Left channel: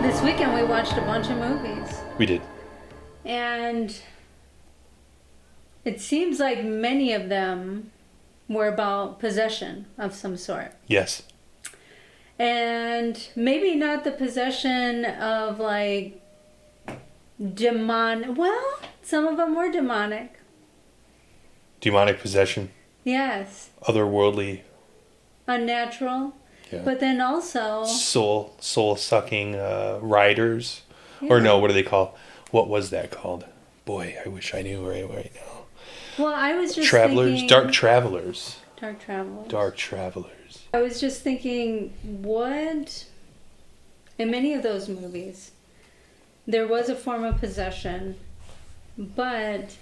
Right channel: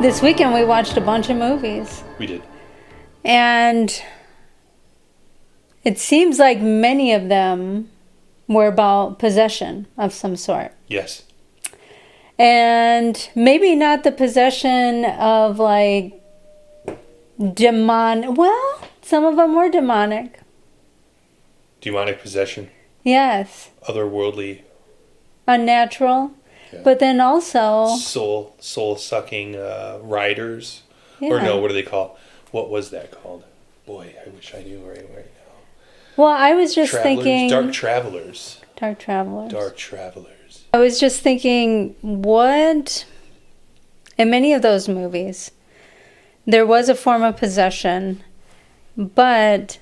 This weekend we watched a bunch of movies. We did. And it seems like many of them were about possession of some sort. Yes. And maybe not the possession of like well, some of them were demonic. Demonic possession. Yes. Otherworldly. Unnatural. Yeah. But then also soul sucking riders. Yeah. Or no, what do they call? What was that called? Boy, I wish I knew right now. Well, I was just thinking Dark travelers. Dark travelers. Dark travelers. I was just thinking, what in many of those movies there was a form of possession, but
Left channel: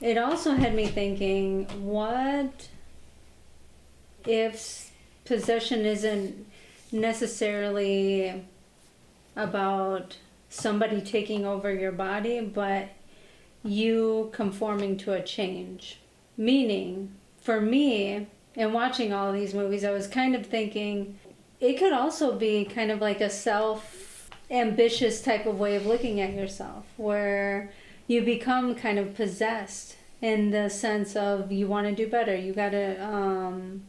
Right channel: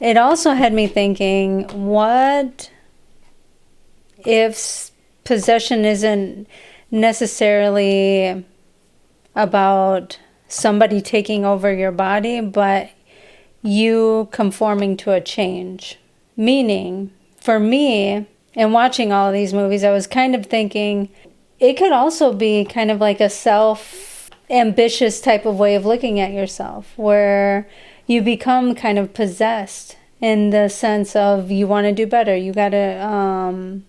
it also had me thinking, what if possession isn't necessarily about somebody taking over your body, but you conforming to a change? Meaning, for me, in watching all of these movies, I was kind of thinking it could also be kind of like a self-ambitious type of way of looking at yourself, where you become kind of possessed in the sense of you want to do better. You got to...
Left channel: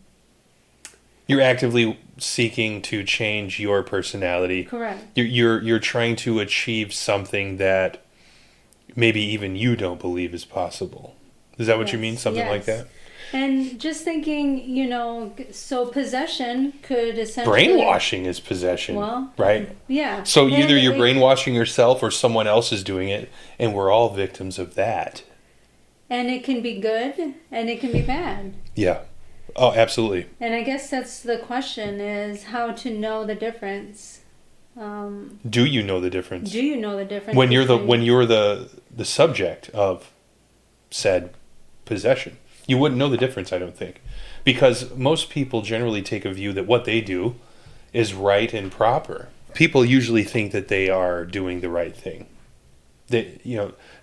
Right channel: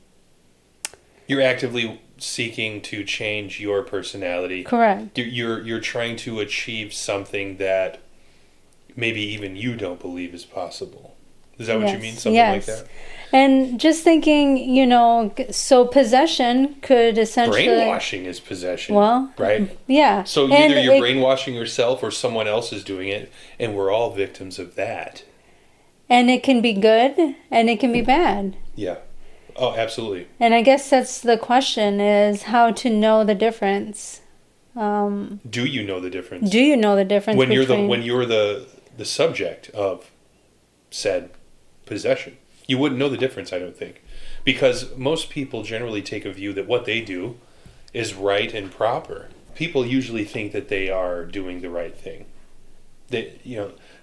You're actively seeking to change your personality. Correct. You're trying to achieve something that maybe even you don't believe is possible. Is that what you mean? Something like that? And just thinking, so possession could essentially... Brainwashing is possession. Well, right? Yeah. So either you're brainwashing yourself or someone else is doing it, and we're all victims of that. And it can be good, and it can be bad. Yeah. Oh, absolutely. And I guess that's the question, is how to know the difference. Do you know the difference? Do you know the difference when you're the subject of said possession? You wouldn't know the difference, I don't think. Because most people generally take a view that what they do is right and proper. People usually think that they are doing the right thing. That,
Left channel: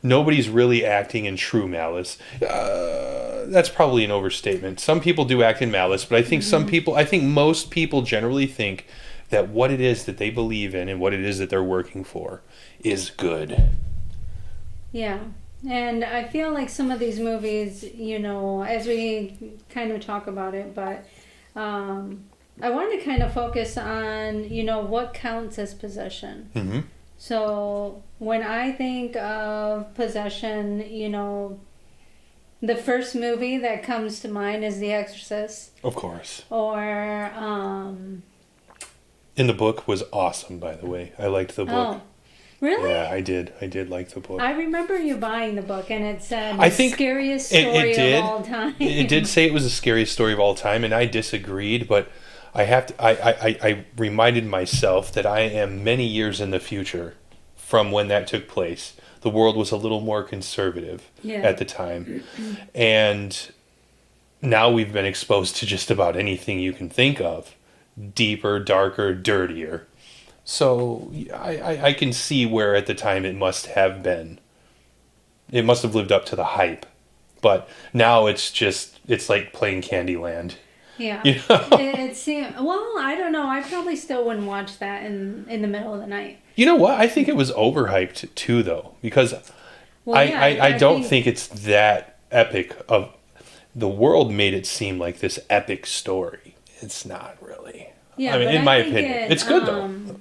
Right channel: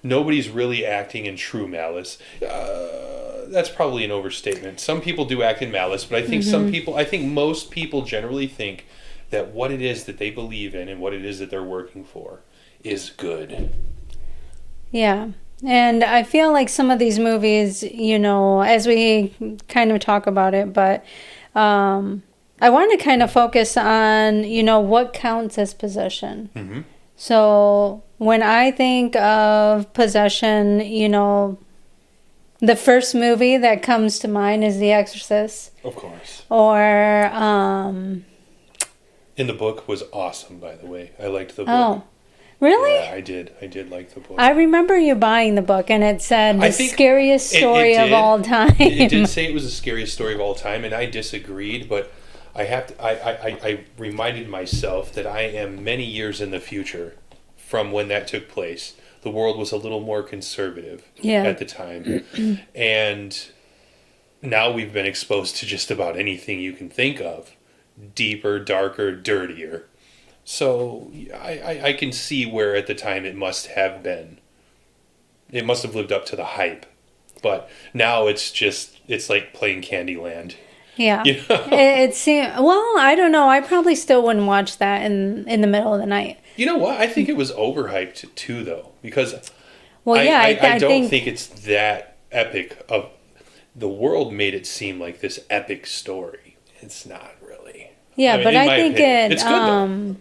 nobody's really acting in true malice. That's probably an overstatement. Some people do act in malice, but I think most people generally think that what it is that they believe in and what it is that they're working for is good. Yeah. And I feel like some of these movies, as we kind of talk about it, but I want to kind of focus on, what counts as possession. Mm-hmm. So when I think of possession, the first movie that comes to mind is The Exorcist. Of course. Or... And the book was awesome, by the way. I liked the book. Oh. Really? Yeah, I did. I did like the book. I remember you buying the book, and it said the scariest story of all time. It did say it was the scariest story of all time, and I disagreed. But I reminded myself that I am many years in the future from when that took place. The world was a little more conservative at the time, and now we've been exposed to just about anything you can think of, deeper, darker, dirtier. So I can see where at the time it must have been. It must have lived up to the hype. But now it's like playing Candyland. Yeah. It seemed, well, I don't know. I probably still wouldn't watch that in the middle of the night. You know what? I think it was overhyped too, though. Because I don't think it's that epic. The world made it seem like this epic story. It's not really. Yeah, but I think it's good, though.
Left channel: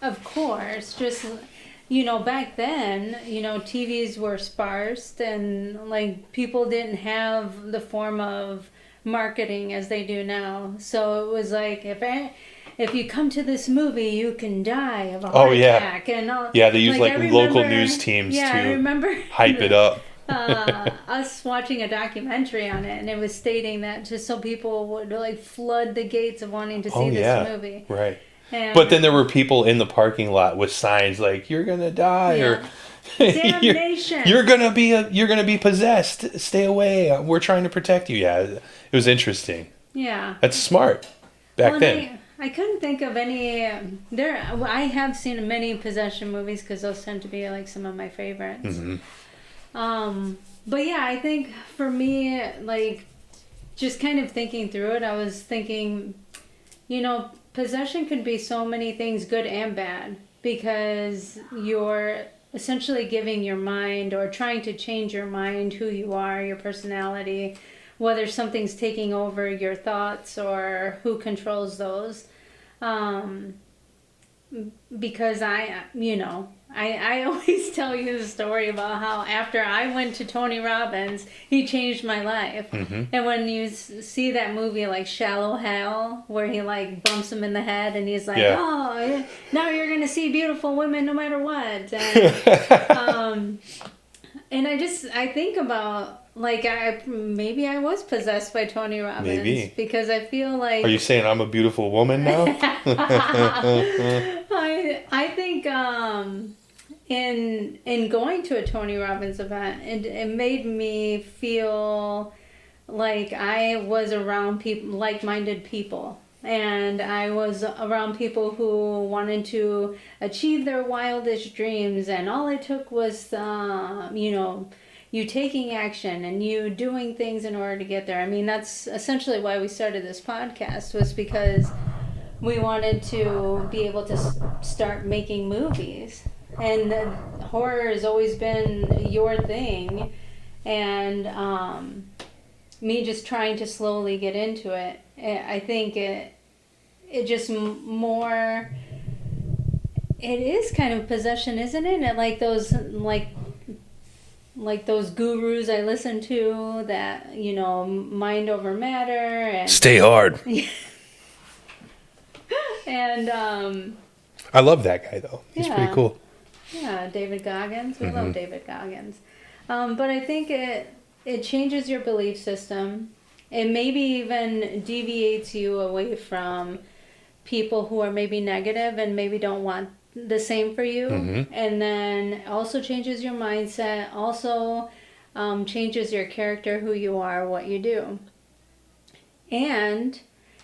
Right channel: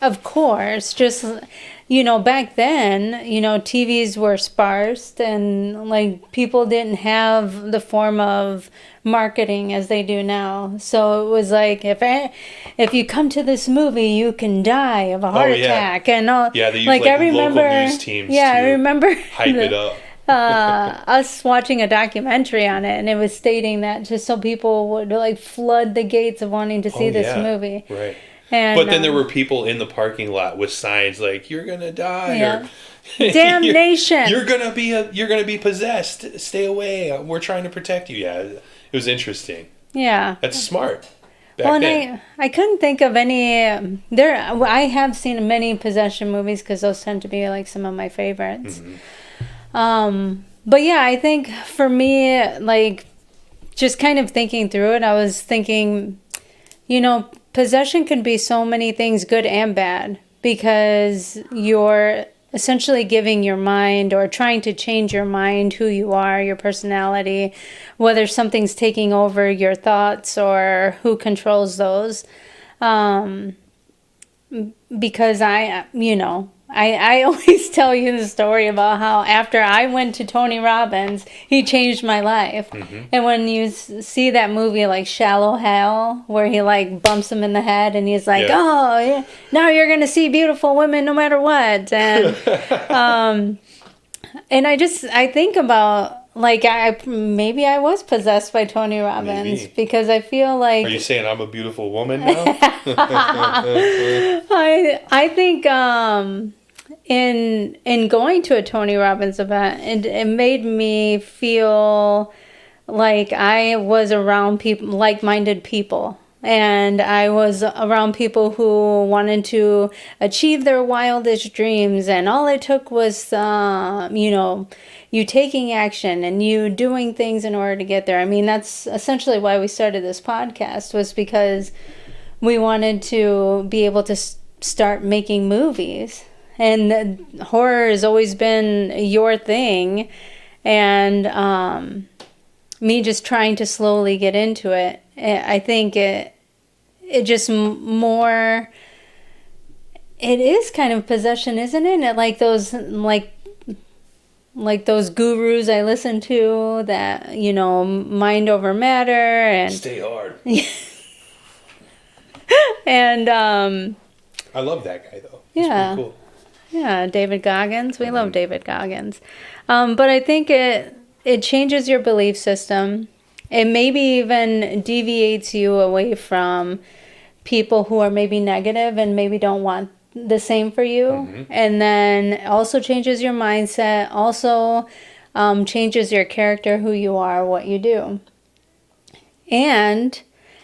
Of course, just, back then, TVs were sparse and, like, people didn't have the form of marketing as they do now. So it was like, if you come to this movie, you can die of a heart attack. And all. Yeah, they use, local news teams to I remember hype it up. Us watching a documentary on it, and it was stating that just so people would, like, flood the gates of wanting to see this movie. Right. And, but then there were people in the parking lot with signs like "You're gonna die" or "Damnation." You're gonna be possessed. Stay away. We're trying to protect you. Yeah, it was interesting. Yeah, that's smart. Back then. I couldn't think of any. I have seen many possession movies because those tend to be like some of my favorites. Mm-hmm. But yeah, I think for me, like, just kind of thinking through it, I was thinking, possession can be so many things, good and bad. because you're essentially giving your mind or trying to change your mind, who you are, your personality, whether something's taking over your thoughts or who controls those. Because I always tell you the story about how after I went to Tony Robbins, he changed my life. And when you see that movie like Shallow Hal, where he like bumps him in the head and he's like, oh, yeah, now you're going to see beautiful women no matter what. And, and I think about, like, maybe I was possessed by Tony Robbins. Maybe. Because I feel like... Are you saying I'm a beautiful woman now? I think in going to a Tony Robbins event, it made me feel like I was around people, like-minded people. And I was around people who wanted to achieve their wildest dreams. And all it took was, you taking action and you doing things in order to get there. I mean, that's essentially why we started this podcast, was because we wanted to be able to start making movies. And horror has always been your thing. And me just trying to slowly get into it, I think it just more... It is kind of possession, isn't it? And like those... Like those gurus I listen to that, mind over matter and Stay hard. And I love that guy though. He's pretty cool. Yeah, David Goggins. We love David Goggins. But I think it changes your belief system. It maybe even deviates you away from people who are maybe negative and maybe don't want the same for you. And then also changes your mindset, also changes your character, who you are, what you do. And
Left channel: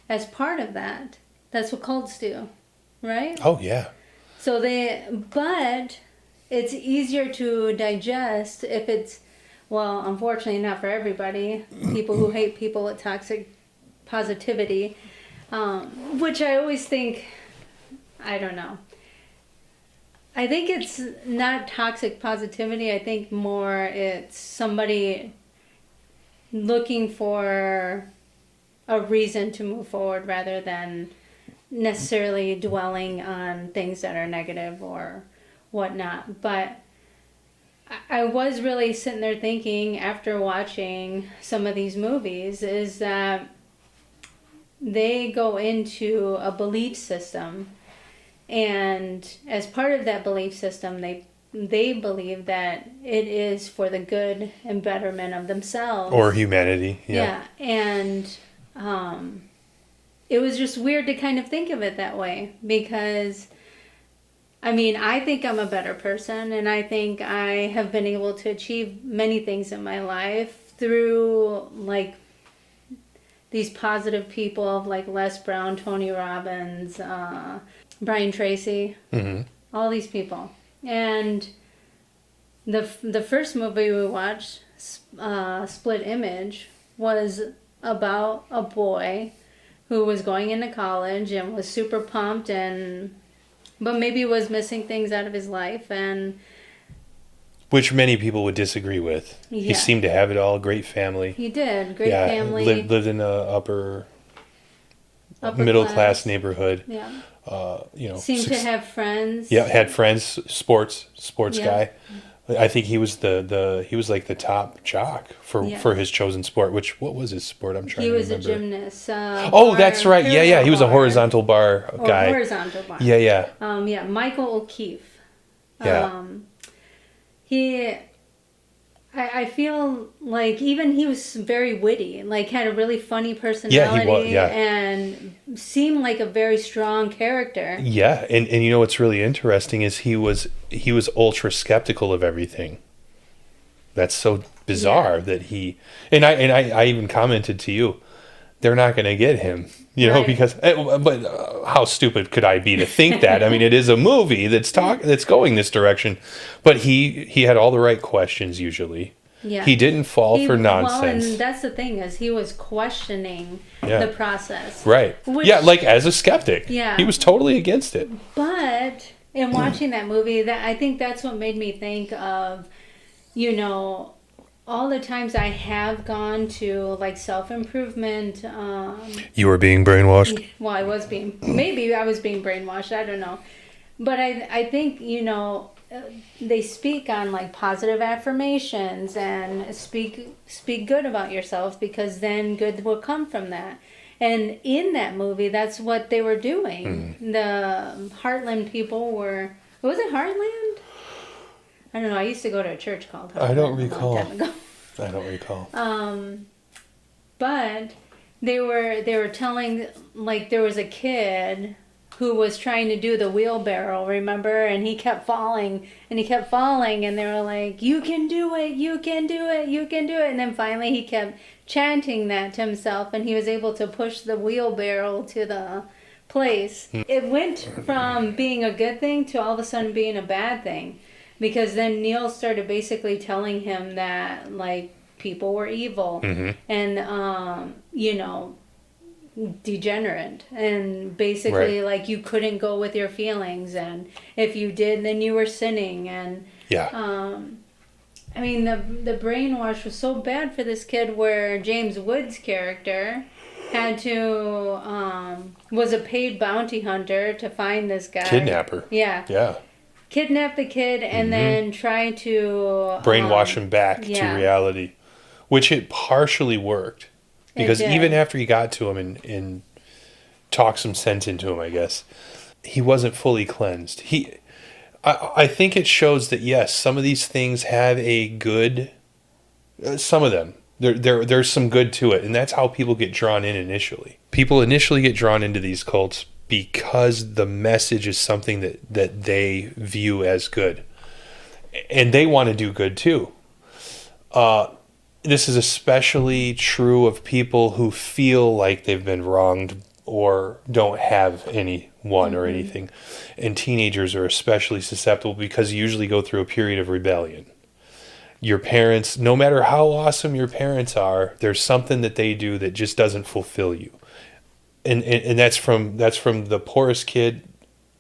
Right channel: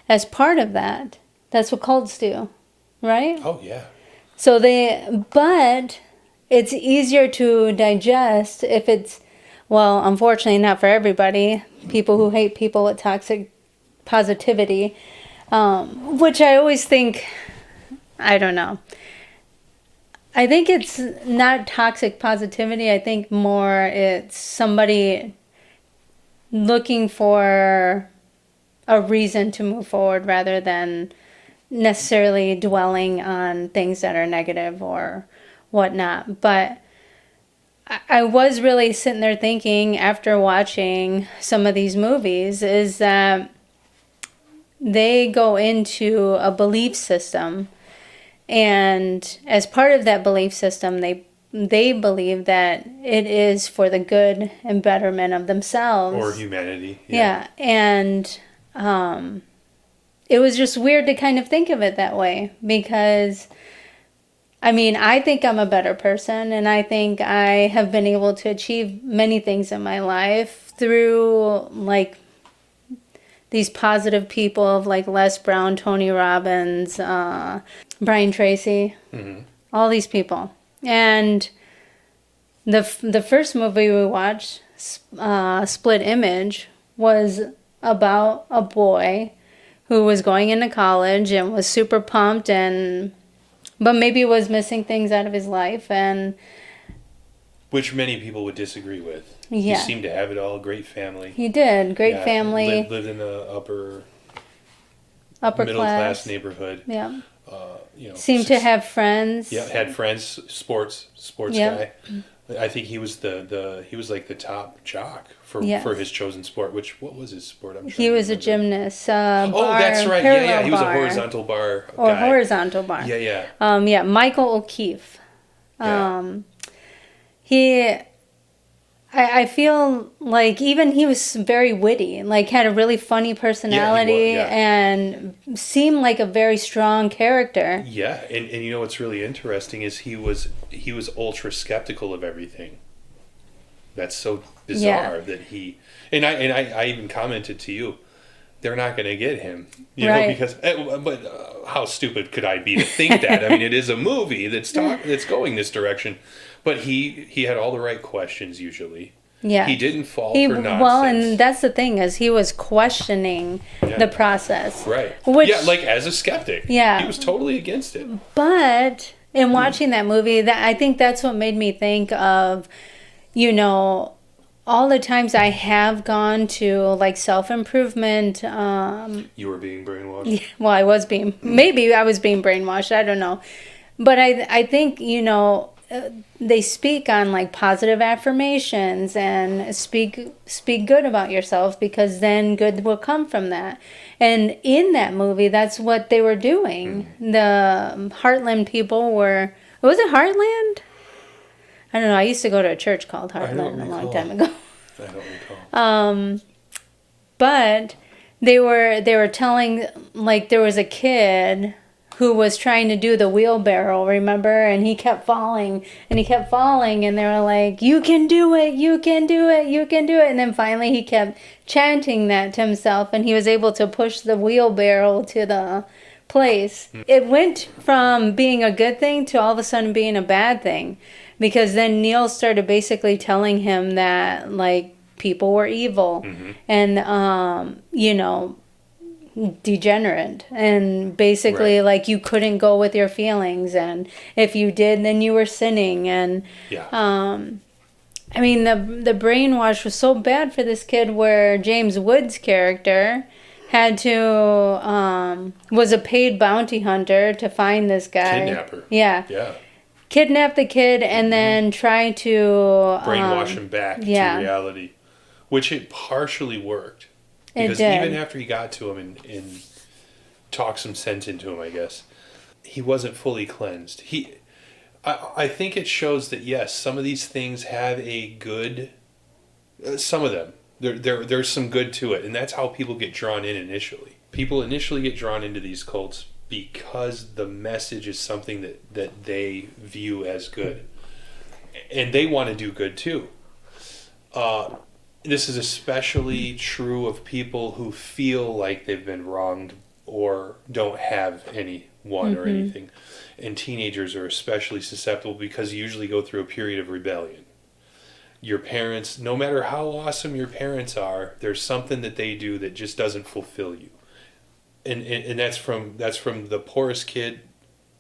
as part of that, that's what cults do, right? Oh yeah. So but it's easier to digest if it's, well, unfortunately not for everybody, people who hate people with toxic positivity, which I always think, I don't know. I think it's not toxic positivity. I think more it's somebody looking for a reason to move forward rather than necessarily dwelling on things that are negative or whatnot. But I was really sitting there thinking after watching some of these movies is that they go into a belief system. And as part of that belief system, they believe that it is for the good and betterment of themselves. Or humanity. Yeah. And it was just weird to kind of think of it that way because, I mean, I think I'm a better person and I think I have been able to achieve many things in my life through, like, these positive people of, like, Les Brown, Tony Robbins, Brian Tracy, all these people. And the first movie we watched, Split Image, was about a boy who was going into college and was super pumped but maybe was missing things out of his life, and which many people would disagree with. Yeah. He seemed to have it all. Great family. He did. Great family. Lived in a upper middle class neighborhood. Yeah. Seemed to have friends. Yeah, had friends. Sports guy. I think he was he was like the top jock for his chosen sport. What was his sport? He was a gymnast. That's right. Yeah. He was a horizontal bar guy. Horizontal bar. Yeah. Michael O'Keefe. Yeah. I feel like even he was very witty, like had a really funny personality and seemed like a very strong character. Yeah, and you know what's really interesting is he was ultra skeptical of everything. That's so bizarre that he and I even commented to you, they're not going to get him, know, because but how stupid could I be to think that? I mean, it is a movie that's going this direction, but he had all the right questions usually. Yeah, he didn't fall for nonsense. Well, and that's the thing is he was questioning the process, right? Like as a skeptic, he was totally against it. But in watching that movie, that I think that's what made me think of, you know, all the times I have gone to like self-improvement. You were being brainwashed. Well, maybe I was being brainwashed. I don't know. But I think, you know, they speak on like positive affirmations and speak good about yourself, because then good will come from that. And in that movie, that's what they were doing. The Heartland people were, was it Heartland? I don't know. I used to go to a church called Heartland I don't a long recall. time ago. I don't recall. But they were telling, like, there was a kid who was trying to do the wheelbarrow, remember? And he kept falling and he kept falling, and they were like, you can do it, you can do it, you can do it. And then finally he kept chanting that to himself, and he was able to push the wheelbarrow to the place. It went from being a good thing to all of a sudden being a bad thing, because then Neil started basically telling him that, like, people were evil and, you know, degenerate, and basically Right. like you couldn't go with your feelings, and if you did, then you were sinning. And Yeah. I mean, the brainwash was so bad for this kid, where James Woods' character had to was a paid bounty hunter to find this guy. Kidnapper. Yeah. Yeah. Kidnap the kid and then try to Brainwash him back yeah. to reality, which it partially worked. Because did. even after he got to him and talked some sense into him, I guess, he wasn't fully cleansed. I think it shows that, yes, some of these things have a good, some of them, there's some good to it. And that's how people get drawn in initially. People initially get drawn into these cults because the message is something that they view as good. And they want to do good too. This is especially true of people who feel like they've been wronged or don't have anyone or anything. And teenagers are especially susceptible because you usually go through a period of rebellion. Your parents, no matter how awesome your parents are, there's something that they do that just doesn't fulfill you. And that's from the poorest kid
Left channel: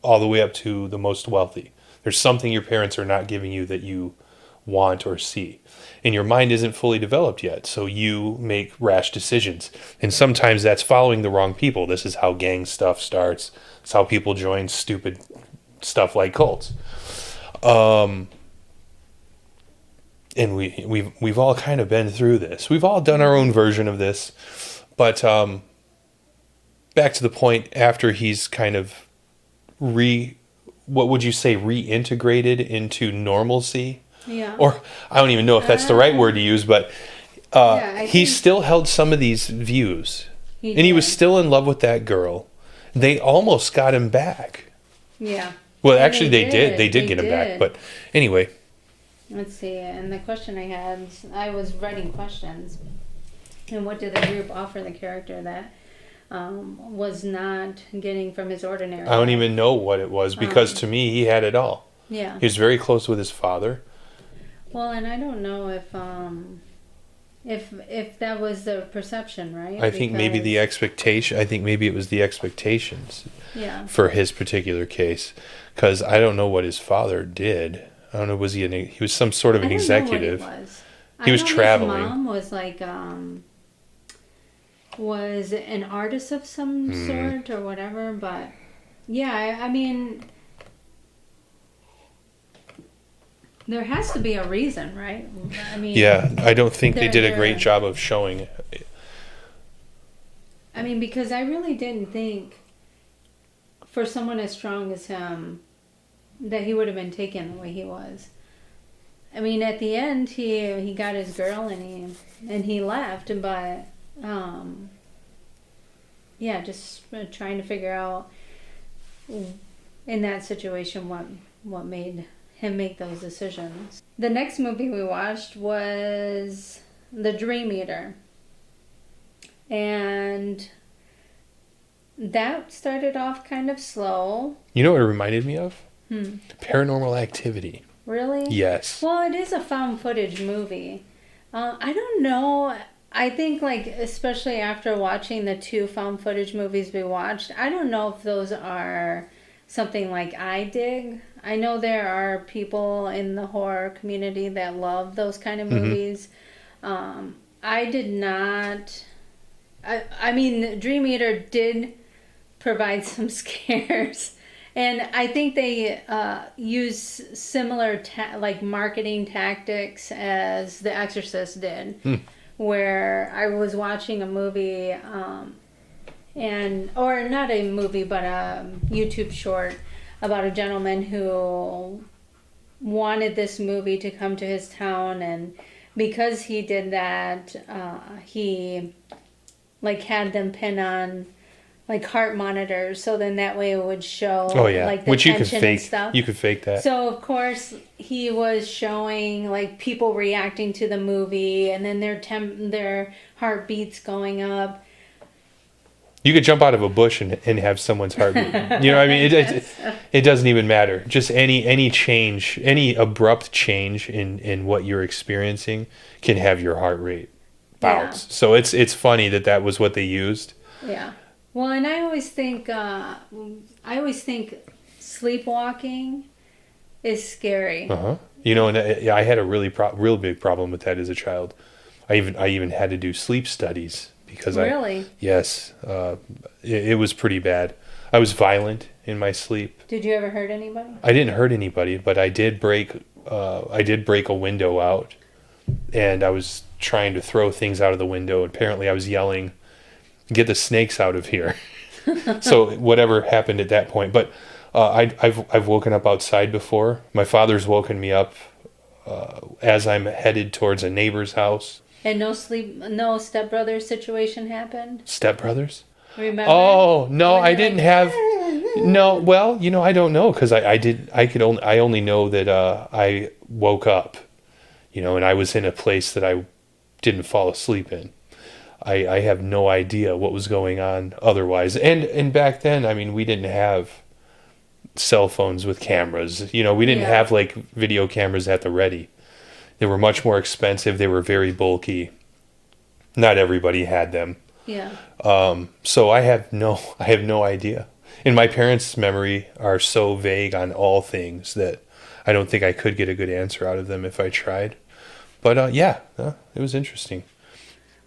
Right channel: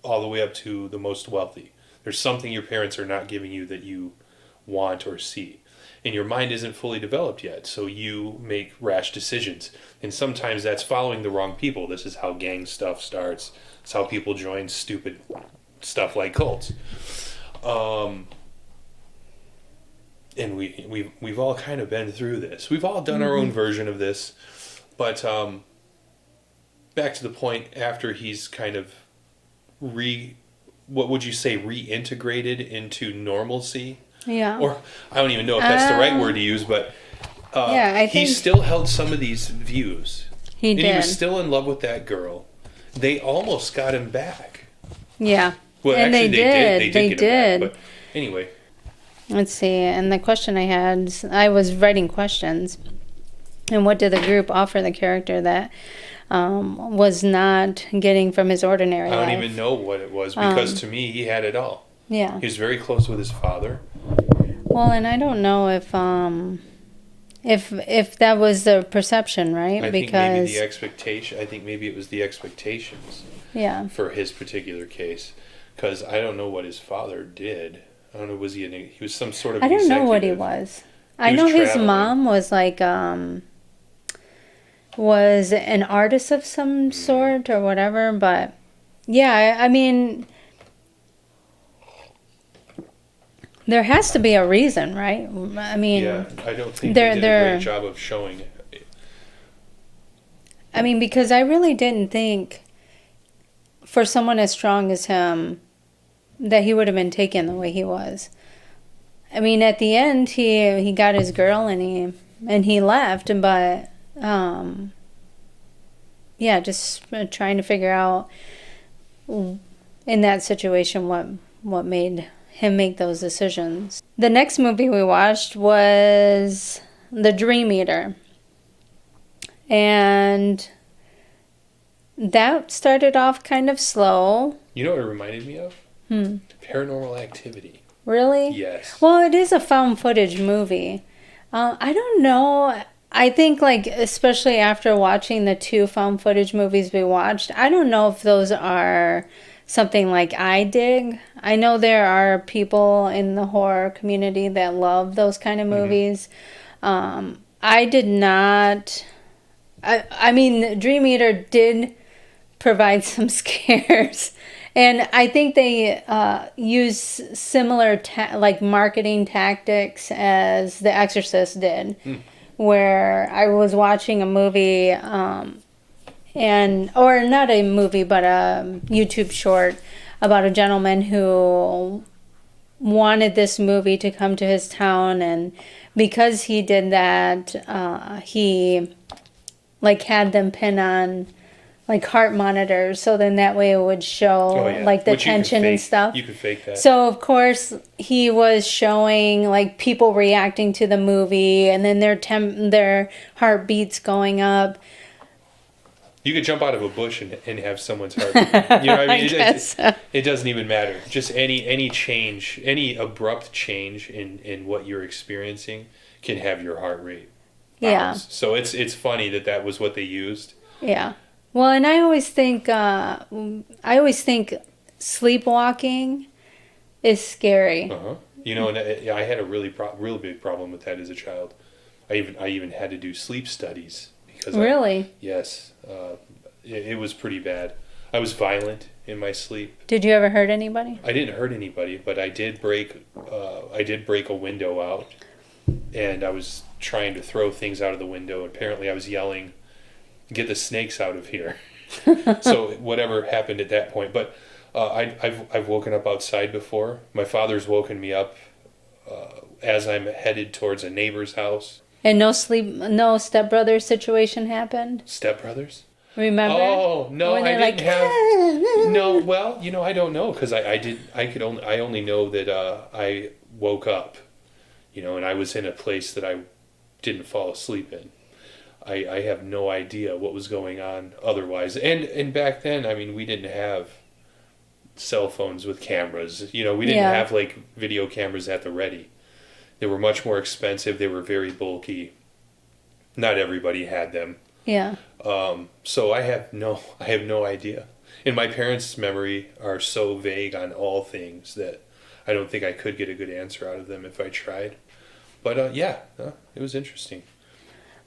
all the way up to the most wealthy. There's something your parents are not giving you that you want or see. And your mind isn't fully developed yet, so you make rash decisions. And sometimes that's following the wrong people. This is how gang stuff starts. It's how people join stupid stuff like cults. And we've all kind of been through this. We've all done our own version of this. But back to the point, after he's kind of what would you say, reintegrated into normalcy? Yeah. Or I don't even know if that's the right word to use, but he think still held some of these views. he And did. he was still in love with that girl. They almost got him back. Yeah. Well, And actually, they did. They did get him did. back. But anyway, Let's see. And the question I had, I was writing questions. And what did the group offer the character that was not getting from his ordinary I don't life? even know what it was because to me, he had it all. Yeah. He was very close with his father. Well, and I don't know if that was the perception, right? I think maybe the expectation. I think maybe it was the expectations yeah. for his particular case, because I don't know what his father did. I don't know. Was he he was some sort of I don't executive? know what he was. He was I know traveling. his mom was like was an artist of some sort or whatever, but yeah, I mean, there has to be a reason, right? I mean, Yeah, I don't think they did a they're- great job of showing it. I mean, because I really didn't think for someone as strong as him that he would have been taken the way he was. I mean, at the end, he got his girl and he left, but yeah, just trying to figure out in that situation what made him make those decisions. The next movie we watched was The Dream Eater. And that started off kind of slow. You know what it reminded me of? Paranormal Activity. Really? Yes. Well, it is a found footage movie. I don't know. I think, like, especially after watching the two found footage movies we watched, I don't know if those are something like I dig. I know there are people in the horror community that love those kind of movies. I did not. I mean, Dream Eater did provide some scares. And I think they use similar like marketing tactics as The Exorcist did, where I was watching a movie, or not a movie, but a YouTube short about a gentleman who wanted this movie to come to his town, and because he did that, he like had them pin on like heart monitors, so then that way it would show like the Which tension and stuff. You could fake that. So of course he was showing like people reacting to the movie, and then their heartbeats going up. You could jump out of a bush and have someone's heart beat. You know what I mean? It doesn't even matter. Just any change, any abrupt change in what you're experiencing can have your heart rate bounce. Yeah. So it's funny that was what they used. Yeah. Well, and I always think sleepwalking is scary. You know, and I had a real big problem with that as a child. I even had to do sleep studies because Really? Yes, it was pretty bad. I was violent in my sleep. Did you ever hurt anybody? I didn't hurt anybody, but I did break a window out, and I was trying to throw things out of the window. Apparently, I was yelling, "Get the snakes out of here!" So whatever happened at that point, but I've woken up outside before. My father's woken me up as I'm headed towards a neighbor's house. And no stepbrother situation happened? Stepbrothers? Remember? Oh no, When I they're didn't have. No, well, you know, I don't know because I only know that I woke up, you know, and I was in a place that I didn't fall asleep in. I have no idea what was going on otherwise. And back then, I mean, we didn't have cell phones with cameras. You know, we didn't have like video cameras at the ready. They were much more expensive. They were very bulky. Not everybody had them. Yeah. So I have no idea. And my parents' memory are so vague on all things that I don't think I could get a good answer out of them if I tried. But it was interesting.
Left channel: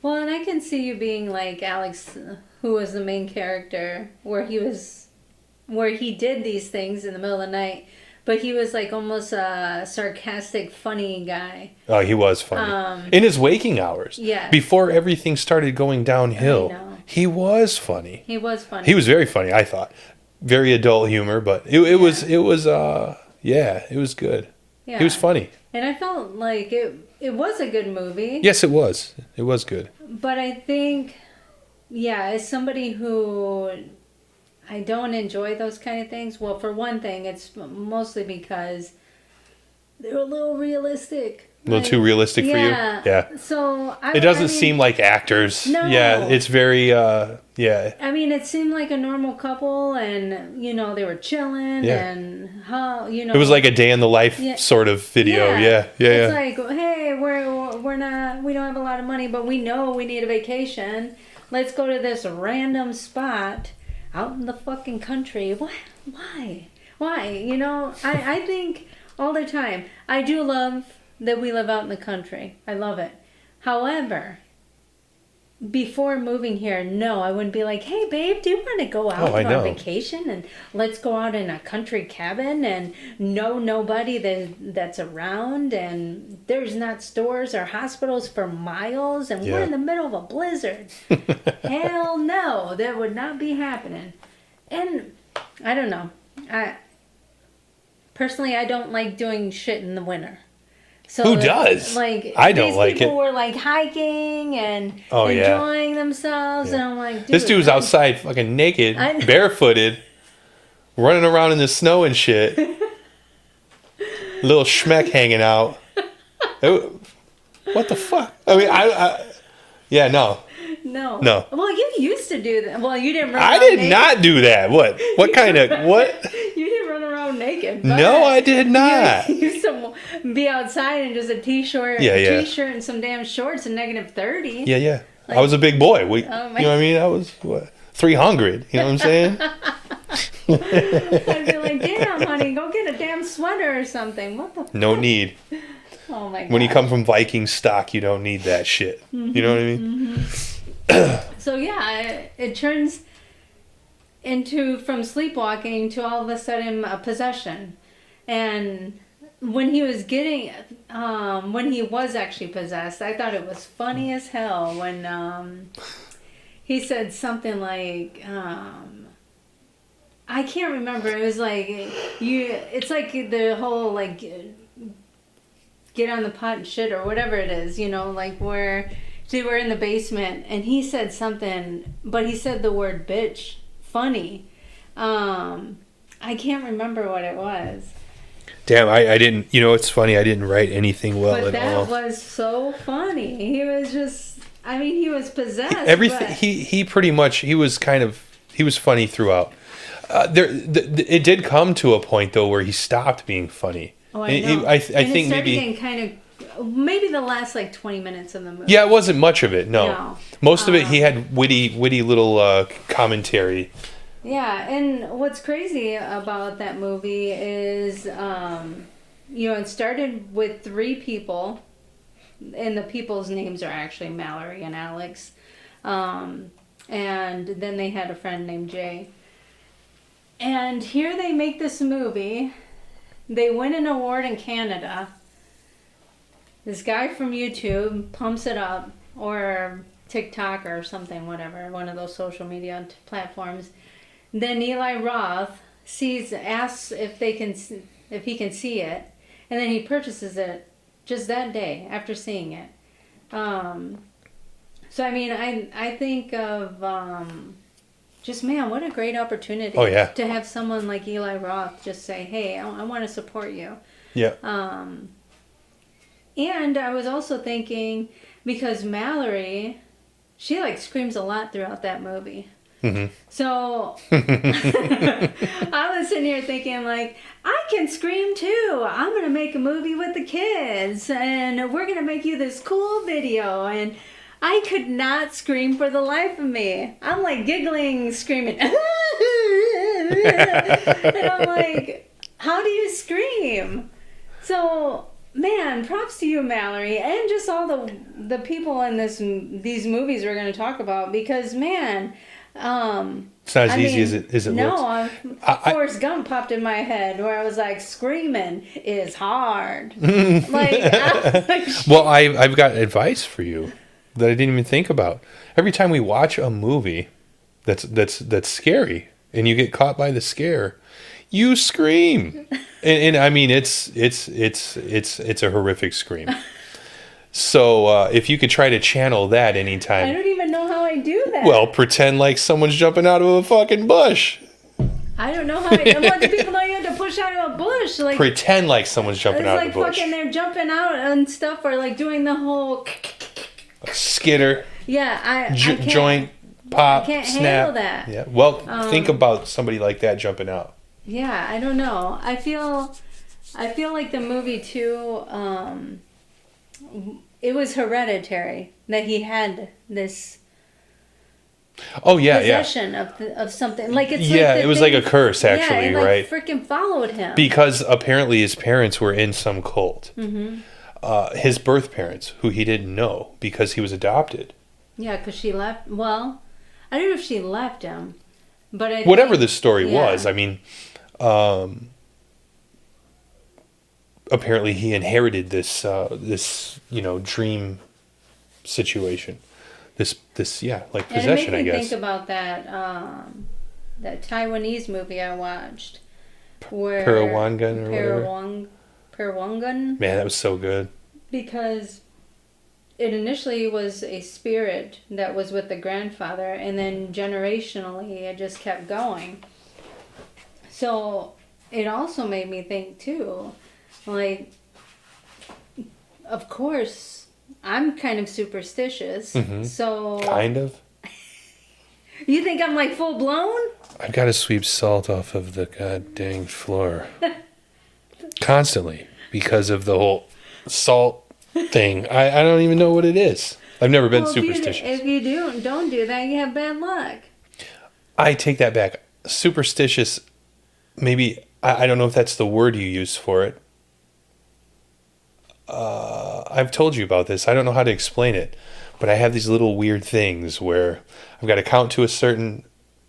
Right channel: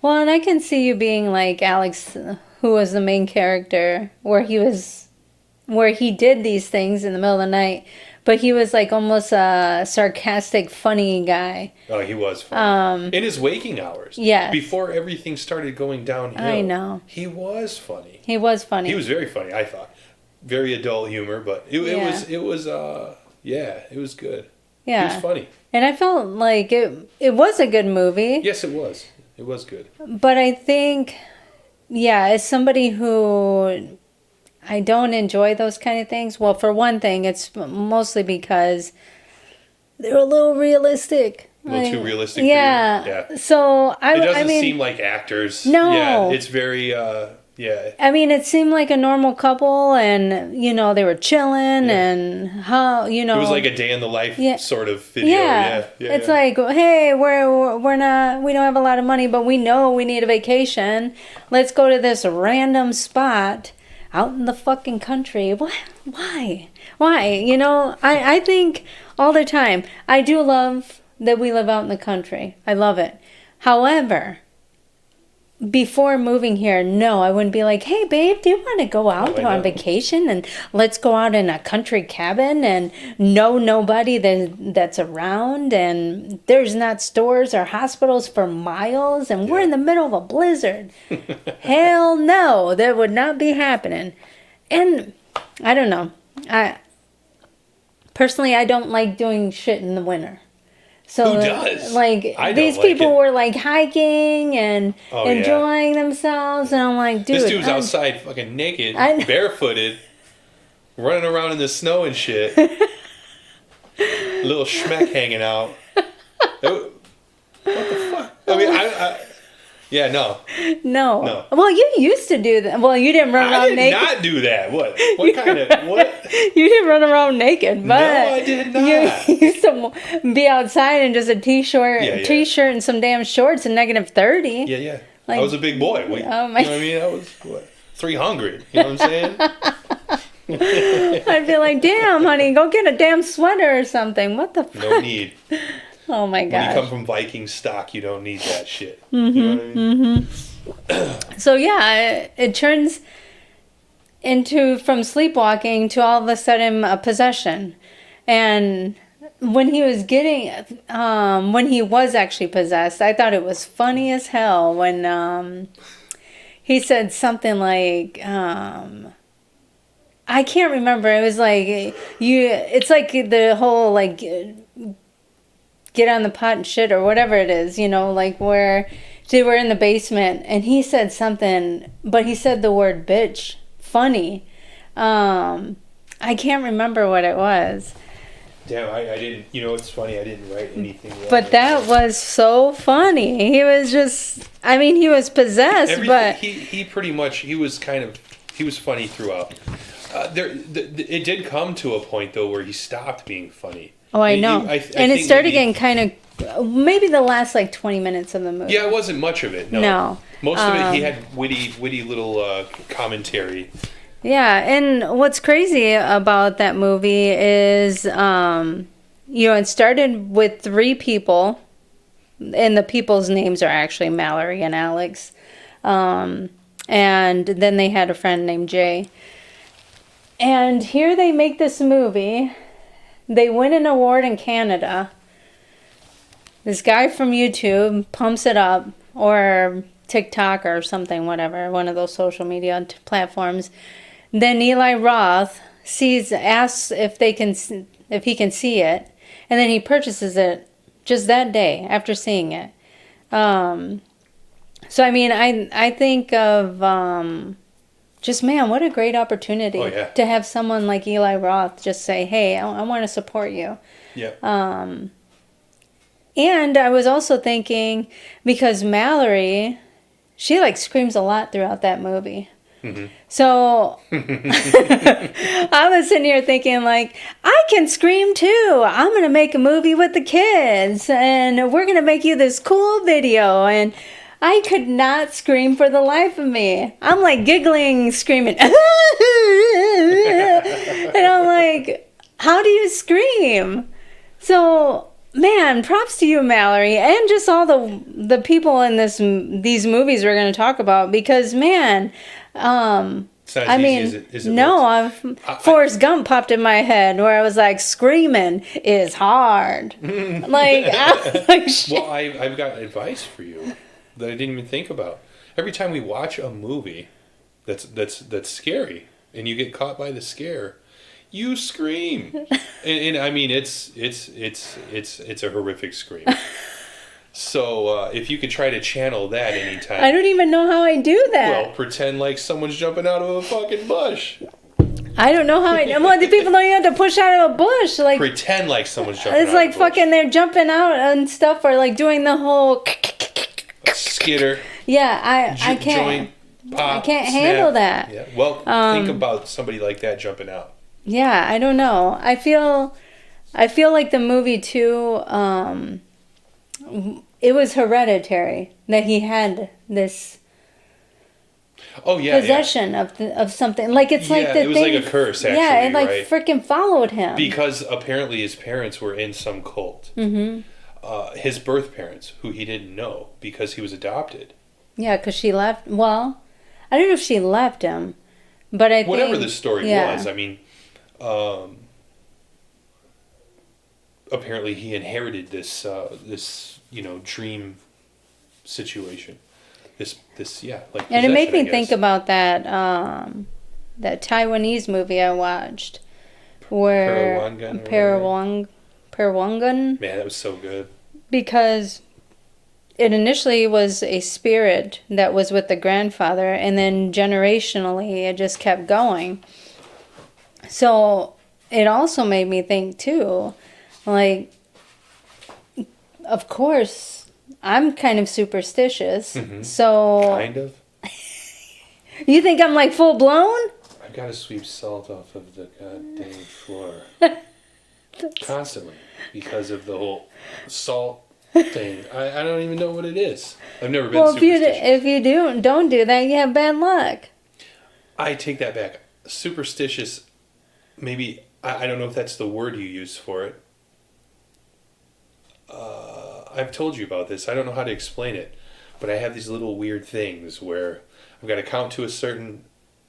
Well, and I can see you being like Alex, who was the main character, where he did these things in the middle of the night, but he was like almost a sarcastic, funny guy. Oh, he was funny. In his waking hours. Yeah. Before everything started going downhill. I know. He was funny. He was funny. He was very funny, I thought. Very adult humor, but it was good. Yeah. He was funny. And I felt like it was a good movie. Yes, it was. It was good. But I think, as somebody who I don't enjoy those kind of things. Well, for one thing, it's mostly because they're a little realistic. A little too realistic for you? Yeah. So it doesn't seem like actors. No. Yeah, it's very, I mean, it seemed like a normal couple, and they were chilling, and how it was like a day in the life sort of video. Yeah. It's like, hey, we don't have a lot of money, but we know we need a vacation. Let's go to this random spot out in the fucking country. Why? I think all the time. I do love that we live out in the country. I love it. However, before moving here, no, I wouldn't be like, hey, babe, do you want to go out on vacation and let's go out in a country cabin and know nobody that's around, and there's not stores or hospitals for miles, and we're in the middle of a blizzard. Hell no, that would not be happening. And I don't know. Personally, I don't like doing shit in the winter. So, who does? Like, I don't these like people it. were like hiking and enjoying themselves, and I'm like, dude, this dude's outside fucking naked, barefooted, running around in the snow and shit. Little schmeck hanging out. What the fuck? I mean, no. Well, you used to do that. Well, you didn't run around naked. I did not do that. What kind of, what? You didn't run around naked. But no, I did not. You used to be outside in just a t-shirt and some damn shorts and -30. Yeah. Like, I was a big boy. Oh my. You know what I mean? I was, 300. You know what I'm saying? I'd be like, damn, honey, go get a damn sweater or something. What the No need. Oh my god. When you come from Viking stock, you don't need that shit. You know what I mean? So yeah, it turns into from sleepwalking to all of a sudden a possession. And when he was actually possessed, I thought it was funny as hell when he said something like I can't remember. It was like it's like the whole like get on the pot and shit or whatever it is, like where they were in the basement and he said something, but he said the word bitch funny. I can't remember what it was. Damn, I didn't, it's funny, I didn't write anything well But at that all. was so funny. He was just, he was possessed. Everything, but he pretty much, he was funny throughout. It did come to a point, though, where he stopped being funny. Oh, I know. I and it think started maybe, getting kind of, maybe the last like 20 minutes of the movie. Yeah, it wasn't much of it, no. No. Most of it, he had witty little commentary. Yeah, and what's crazy about that movie is, it started with 3 people, and the people's names are actually Mallory and Alex. And then they had a friend named Jay. And here they make this movie. They win an award in Canada. This guy from YouTube pumps it up, or TikTok or something, whatever, one of those social media platforms. Then Eli Roth asks if he can see it, and then he purchases it just that day after seeing it. So I think of just, man, what a great opportunity. Oh, yeah. To have someone like Eli Roth just say, hey, I want to support you. Yeah. And I was also thinking, because Mallory, she like screams a lot throughout that movie. Mm-hmm. So I was sitting here thinking, like, I can scream too. I'm going to make a movie with the kids, and we're going to make you this cool video. And I could not scream for the life of me. I'm like giggling, screaming. And I'm like, how do you scream? So, man, props to you, Mallory, and just all the people in these movies we're going to talk about, because, man, it's not as easy as it no, looks. Forrest Gump popped in my head where I was like, screaming is hard. Well, I've got advice for you that I didn't even think about. Every time we watch a movie that's scary and you get caught by the scare, you scream. and I mean, it's a horrific scream. So if you could try to channel that anytime. I don't even know how I do that. Well, pretend like someone's jumping out of a fucking bush. I don't know how I do. Well, the people know you have to push out of a bush. Like, pretend like someone's jumping out of a bush. It's like fucking they're jumping out and stuff, or like doing the whole skitter. Yeah, I can't. Joint pop. I can't snap. handle that. Yeah. Well, think about somebody like that jumping out. Yeah, I don't know. I feel like the movie too. It was Hereditary that he had this. Oh yeah, possession of something, like it's like it was like a curse, actually. Yeah, it like right? freaking followed him because apparently his parents were in some cult. Mm-hmm. His birth parents, who he didn't know because he was adopted. Yeah, because she left. Well, I don't know if she left him, but I whatever think, the story was. I mean, apparently he inherited this dream situation. This like possession, and it made me I guess. think about that Taiwanese movie I watched, where Parawangan. Man, that was so good. Because it initially was a spirit that was with the grandfather, and then generationally it just kept going. So it also made me think too, like, of course, I'm kind of superstitious. Mm-hmm. So kind of. You think I'm like full blown? I've got to sweep salt off of the god dang floor constantly because of the whole salt thing. I don't even know what it is. I've never been superstitious. If you don't do that, you have bad luck. I take that back. Superstitious maybe I don't know if that's the word you use for it. I've told you about this. I don't know how to explain it, but I have these little weird things where I've got to count to a certain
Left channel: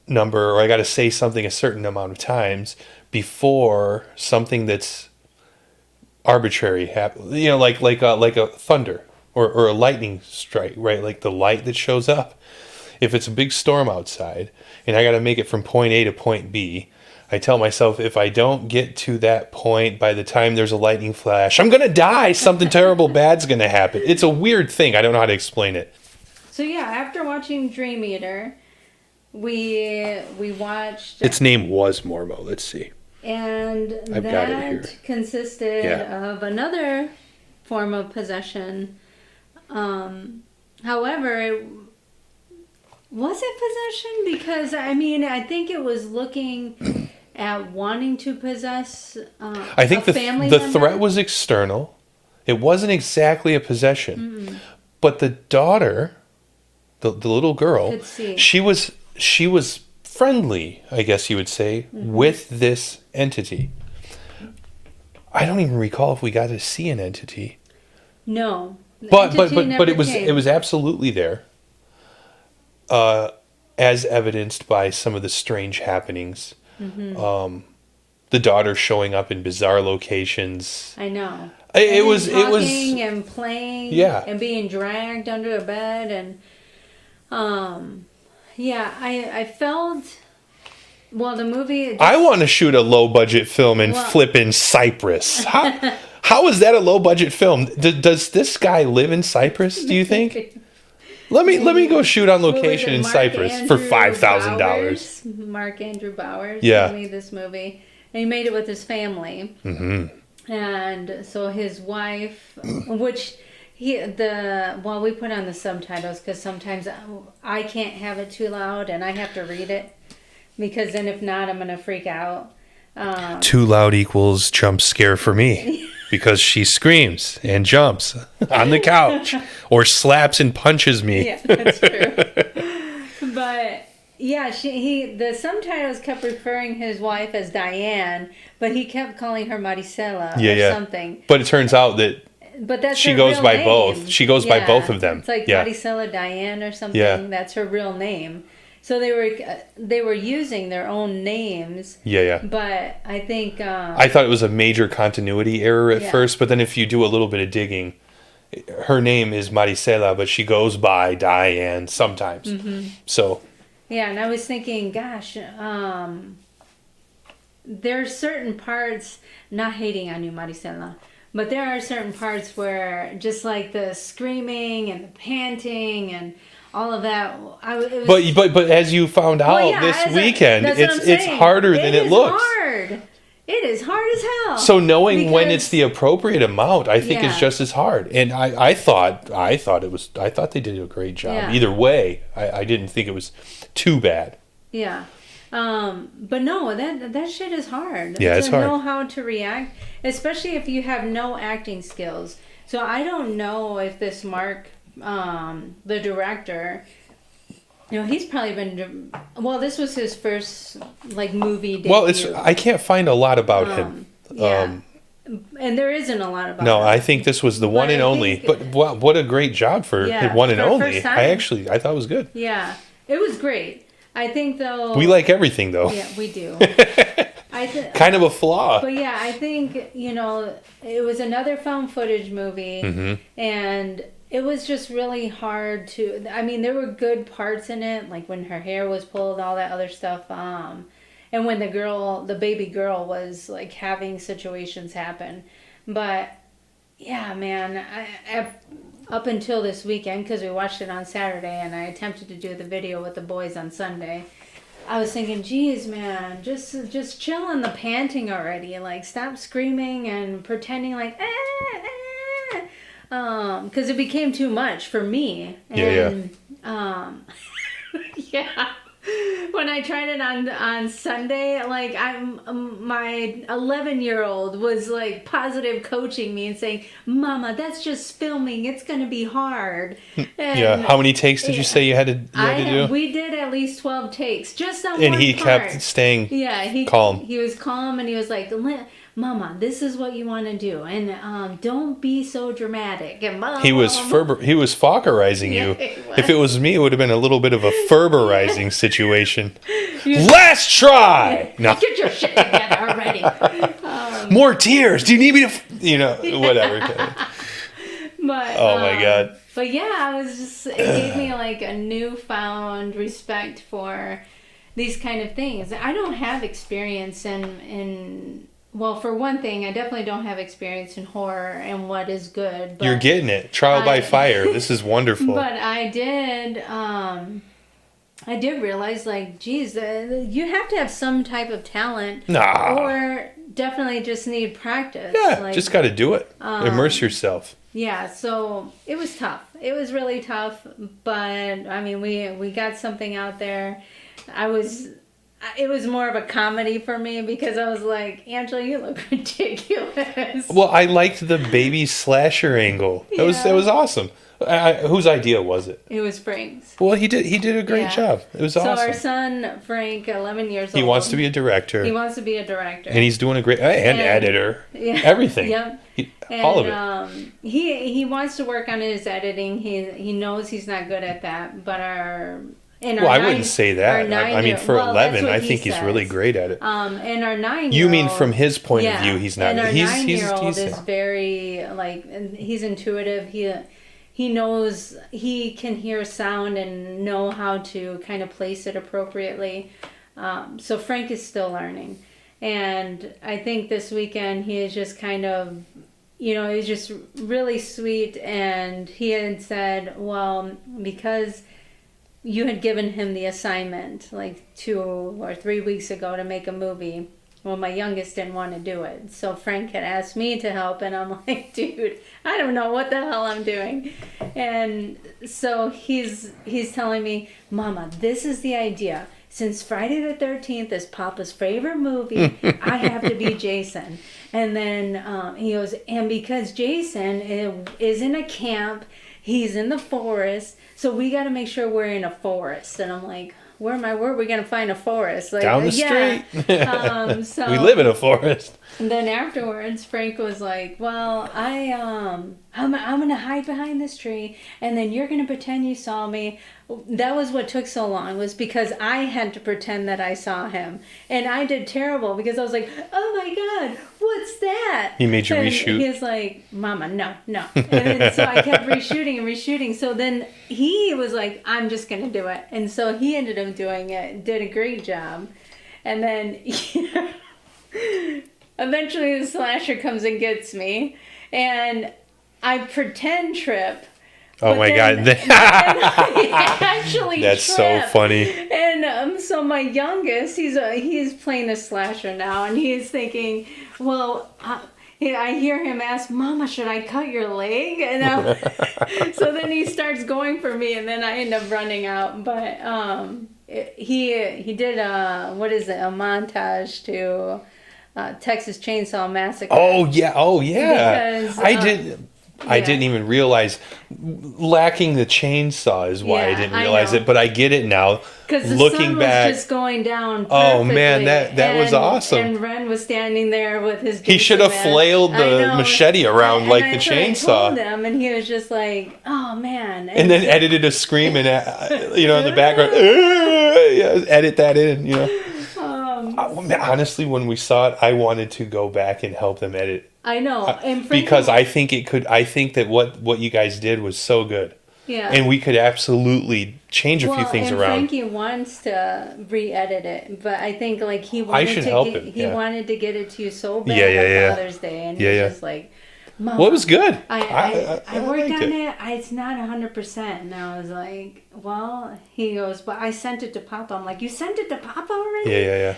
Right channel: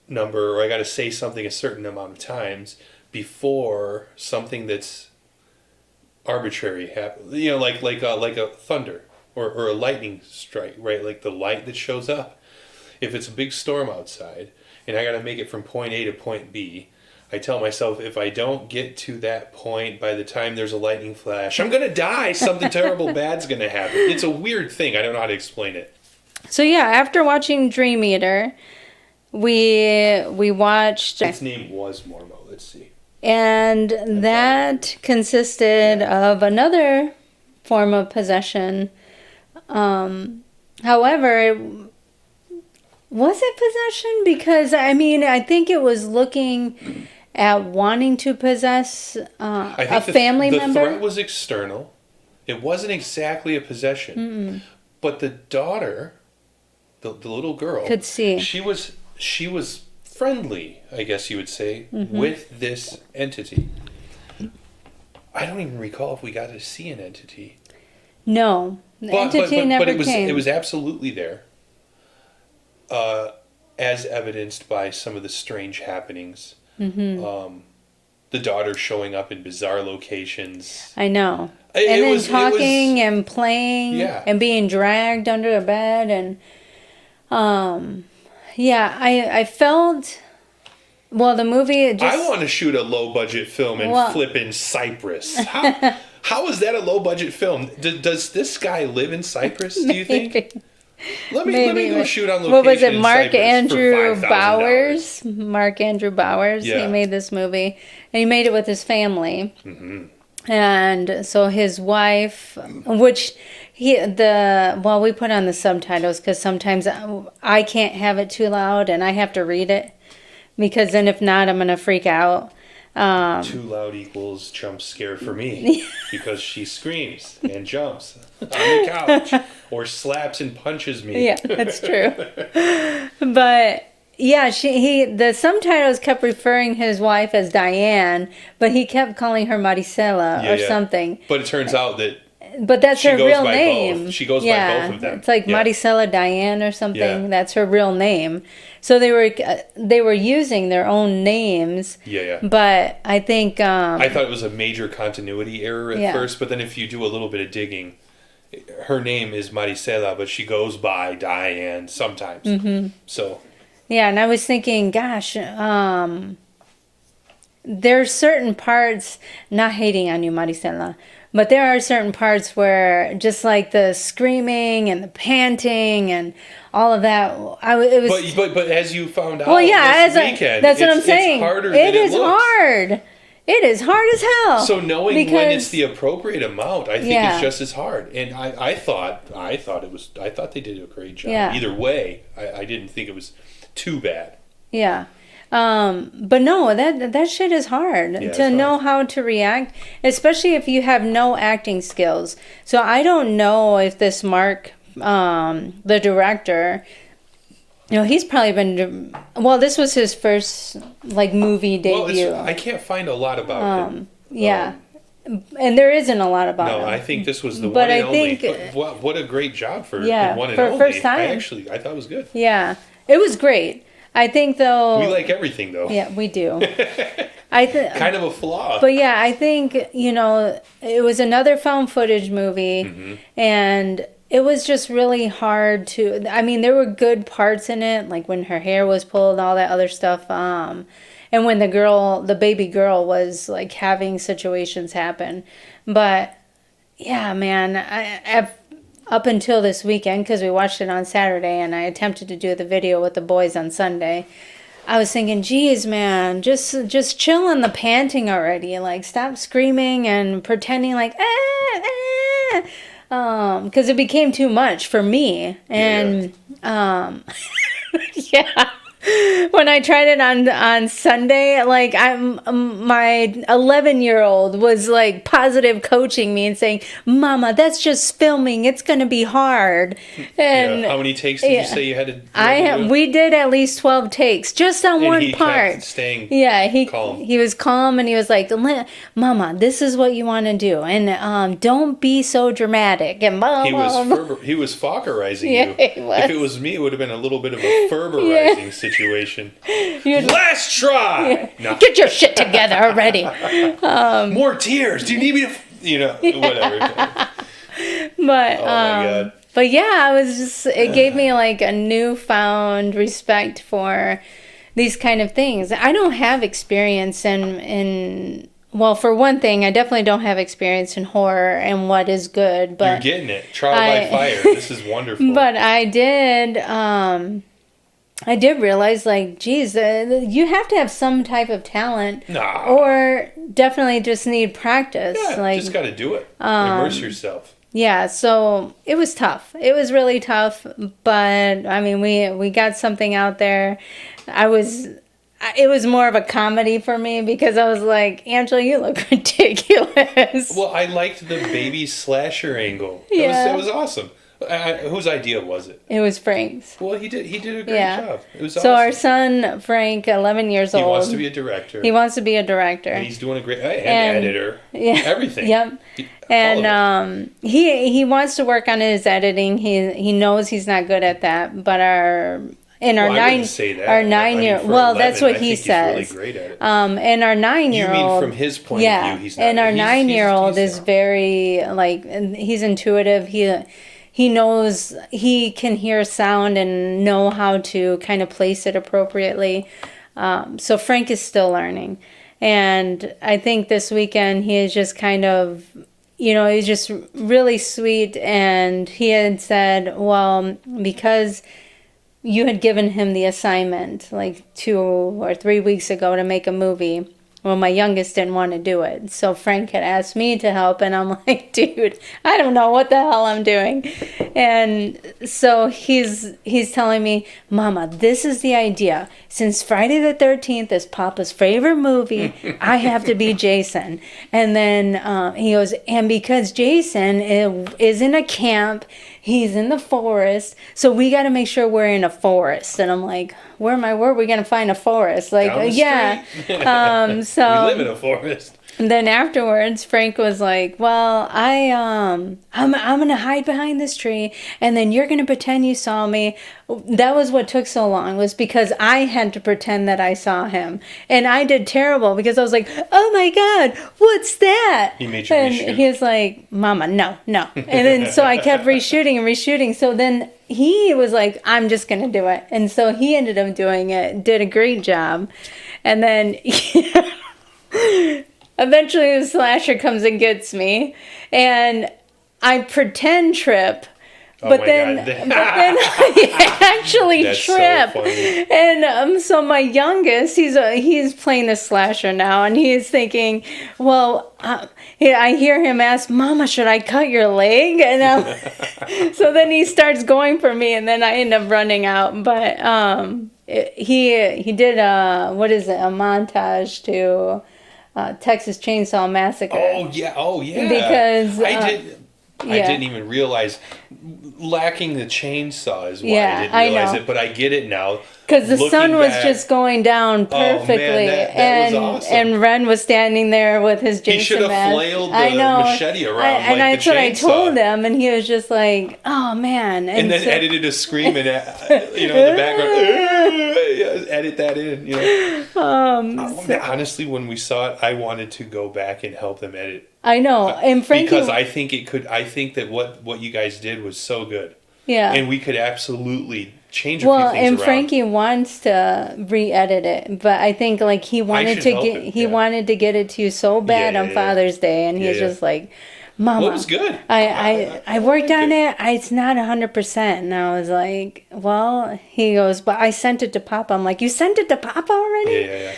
number, or I got to say something a certain amount of times before something that's arbitrary happens. You know, like a thunder or a lightning strike, right? Like the light that shows up. If it's a big storm outside and I got to make it from point A to point B, I tell myself if I don't get to that point by the time there's a lightning flash, I'm going to die. Something terrible bad's going to happen. It's a weird thing. I don't know how to explain it. So yeah, after watching Dream Eater, we watched, Its name was Mormo. Let's see. and got it that here. consisted Yeah. of another form of possession. However, was it possession? Because I mean, I think it was looking at wanting to possess I think a family the member. threat was external. It wasn't exactly a possession. But the daughter, the little girl, Could see. she was friendly, I guess you would say, with this entity. I don't even recall if we got to see an entity. No, the But entity never it was came. absolutely there. As evidenced by some of the strange happenings. The daughter showing up in bizarre locations. I know. It and then was- it was- talking and playing, Yeah. and being dragged under a bed, and yeah, I felt. Well, the movie. Just, I want to shoot a low budget film and Well- flip in Cyprus. How is that a low budget film? Does this guy live in Cyprus? Do you think? Let me Maybe, go but- shoot on What was location it? in Mark Cyprus Andrew for $5,000. Bowers. Mark Andrew Bowers. Yeah. He made this movie, and he made it with his family. And so his wife, which we put on the subtitles because sometimes I can't have it too loud and I have to read it because then if not, I'm gonna freak out. Too loud equals jump scare for me because she screams and jumps on the couch or slaps and punches me. Yeah, that's true. But yeah, the subtitles kept referring his wife as Diane, but he kept calling her Maricela or something. But it turns out that But that's She her goes real by name. both. She goes by both of them. It's like Yeah. Maricela Diane or something. Yeah. That's her real name. So they were using their own names. yeah. But I think I thought it was a major continuity error at Yeah. first, but then if you do a little bit of digging, her name is Maricela, but she goes by Diane sometimes. So yeah, and I was thinking, gosh, there's certain parts, not hating on you, Maricela, but there are certain parts where just like the screaming and the panting and all of that, it was. but as you found out Well, yeah, this weekend, that's what I'm saying. it's harder than it is looks. hard. It is hard as hell. So knowing when it's because- the appropriate amount, I think Yeah. it's just as hard. And I thought they did a great job. Yeah. Either way, I didn't think it was too bad. Yeah. But no, that shit is hard Yeah, to it's hard. know how to react, especially if you have no acting skills. So I don't know if this Mark, the director, he's probably been. Well, this was his first like movie debut. Well, I can't find a lot about him. Yeah, and there isn't a lot about. No, him. I think this was the But one and I only. think- But what a great job for Yeah, one and for only. first time. I thought it was good. Yeah, it was great. I think though. We like everything though. Yeah, we do. I think. Kind of a flaw. But yeah, I think, it was another found footage movie Mm-hmm. and it was just really hard to, I mean, there were good parts in it, like when her hair was pulled, all that other stuff. And when the baby girl was like having situations happen. But yeah, man, up until this weekend, because we watched it on Saturday and I attempted to do the video with the boys on Sunday, I was thinking, geez, man, just chill on the panting already. Like, stop screaming and pretending like, because it became too much for me. And, yeah. when I tried it on Sunday, like my 11-year-old was like positive coaching me and saying, "Mama, that's just filming. It's gonna be hard." And How many takes did you say you had to, do? we did at least 12 takes just on And one he part. kept staying He calm. He was calm, and he was like, "Mama, this is what you want to do, and don't be so dramatic." And He was Fockerizing Yeah, you. he was. If it was me, it would have been a little bit of a Ferberizing situation. Last try. No. Get your shit together already. More tears. Do you need me to? Whatever. But Oh my God. But yeah, I was just, it gave me like a newfound respect for these kind of things. I don't have experience in well, for one thing, I definitely don't have experience in horror and what is good. But You're getting it. Trial by fire. This is wonderful. But I did realize, like, geez, you have to have some type of talent, or definitely just need practice. Yeah, like, just got to do it. Immerse yourself. Yeah, so it was tough. It was really tough, but I mean, we got something out there. It was more of a comedy for me because I was like, Angela, you look ridiculous. Well, I liked the baby slasher angle. That was awesome. Whose idea was it? It was Frank's. Well, he did a great job. It was awesome. So our son, Frank, 11 years old. He wants to be a director. He wants to be a director. And he's doing a great... And editor. Yeah. Everything. Yep. All of it. He wants to work on his editing. He knows he's not good at that, but I wouldn't say that. Our 9-year-old. For Well, 11, that's what I he think says. he's really great at it. And our 9-year-old. You mean from his point of view, he's not. And our he's 9-year-old is very he's intuitive. He knows, he can hear sound and know how to kind of place it appropriately. So Frank is still learning. And I think this weekend he is just kind of, he's just really sweet. And he had said, well, because you had given him the assignment like 2 or 3 weeks ago to make a movie. Well, my youngest didn't want to do it. So Frank had asked me to help, and I'm like, dude, I don't know what the hell I'm doing. And so he's telling me, Mama, this is the idea. Since Friday the 13th is Papa's favorite movie, I have to be Jason. And then he goes, and because Jason is in a camp, he's in the forest, so we got to make sure we're in a forest. And I'm like, where are we going to find a forest? Like, down the street. So we live in a forest. And then afterwards, Frank was like, well, I'm going to hide behind this tree, and then you're going to pretend you saw me. That was what took so long, was because I had to pretend that I saw him. And I did terrible because I was like, oh my God, what's that? He made you and reshoot. He was like, Mama, no. And then so I kept reshooting. So then he was like, I'm just going to do it. And so he ended up doing it, did a great job. And then eventually the slasher comes and gets me, and I pretend trip. Oh my God! But then I actually That's trip. so funny. And so my youngest, he's playing the slasher now, and he's thinking, well, I hear him ask, Mama, should I cut your leg? And so then he starts going for me, and then I end up running out. But he did a montage to Texas Chainsaw Massacre. Oh yeah! Because I didn't even realize lacking the chainsaw is why I didn't I realize know. it, but I get it now. Because the sun was back, just going down perfectly. Oh man, that was awesome. And Ren was standing there with his Jason He should have mask. flailed the machete around like the chainsaw. That's what I told him, and he was just like, "Oh man!" And then edited a scream and in the background. Edit that in. Honestly, when we saw it, I wanted to go back and help them edit. I know, and Frankie, because I think that what you guys did was so good. Yeah. And we could absolutely change a few things and around. Frankie wants to re-edit it, but I think like he wanted to get it to you so bad on Father's Day, and he's just like, Mama, well, it was good. I worked on it. It's not 100%. And I was like, well, he goes, but I sent it to Papa. I'm like, you sent it to Papa already? Yeah.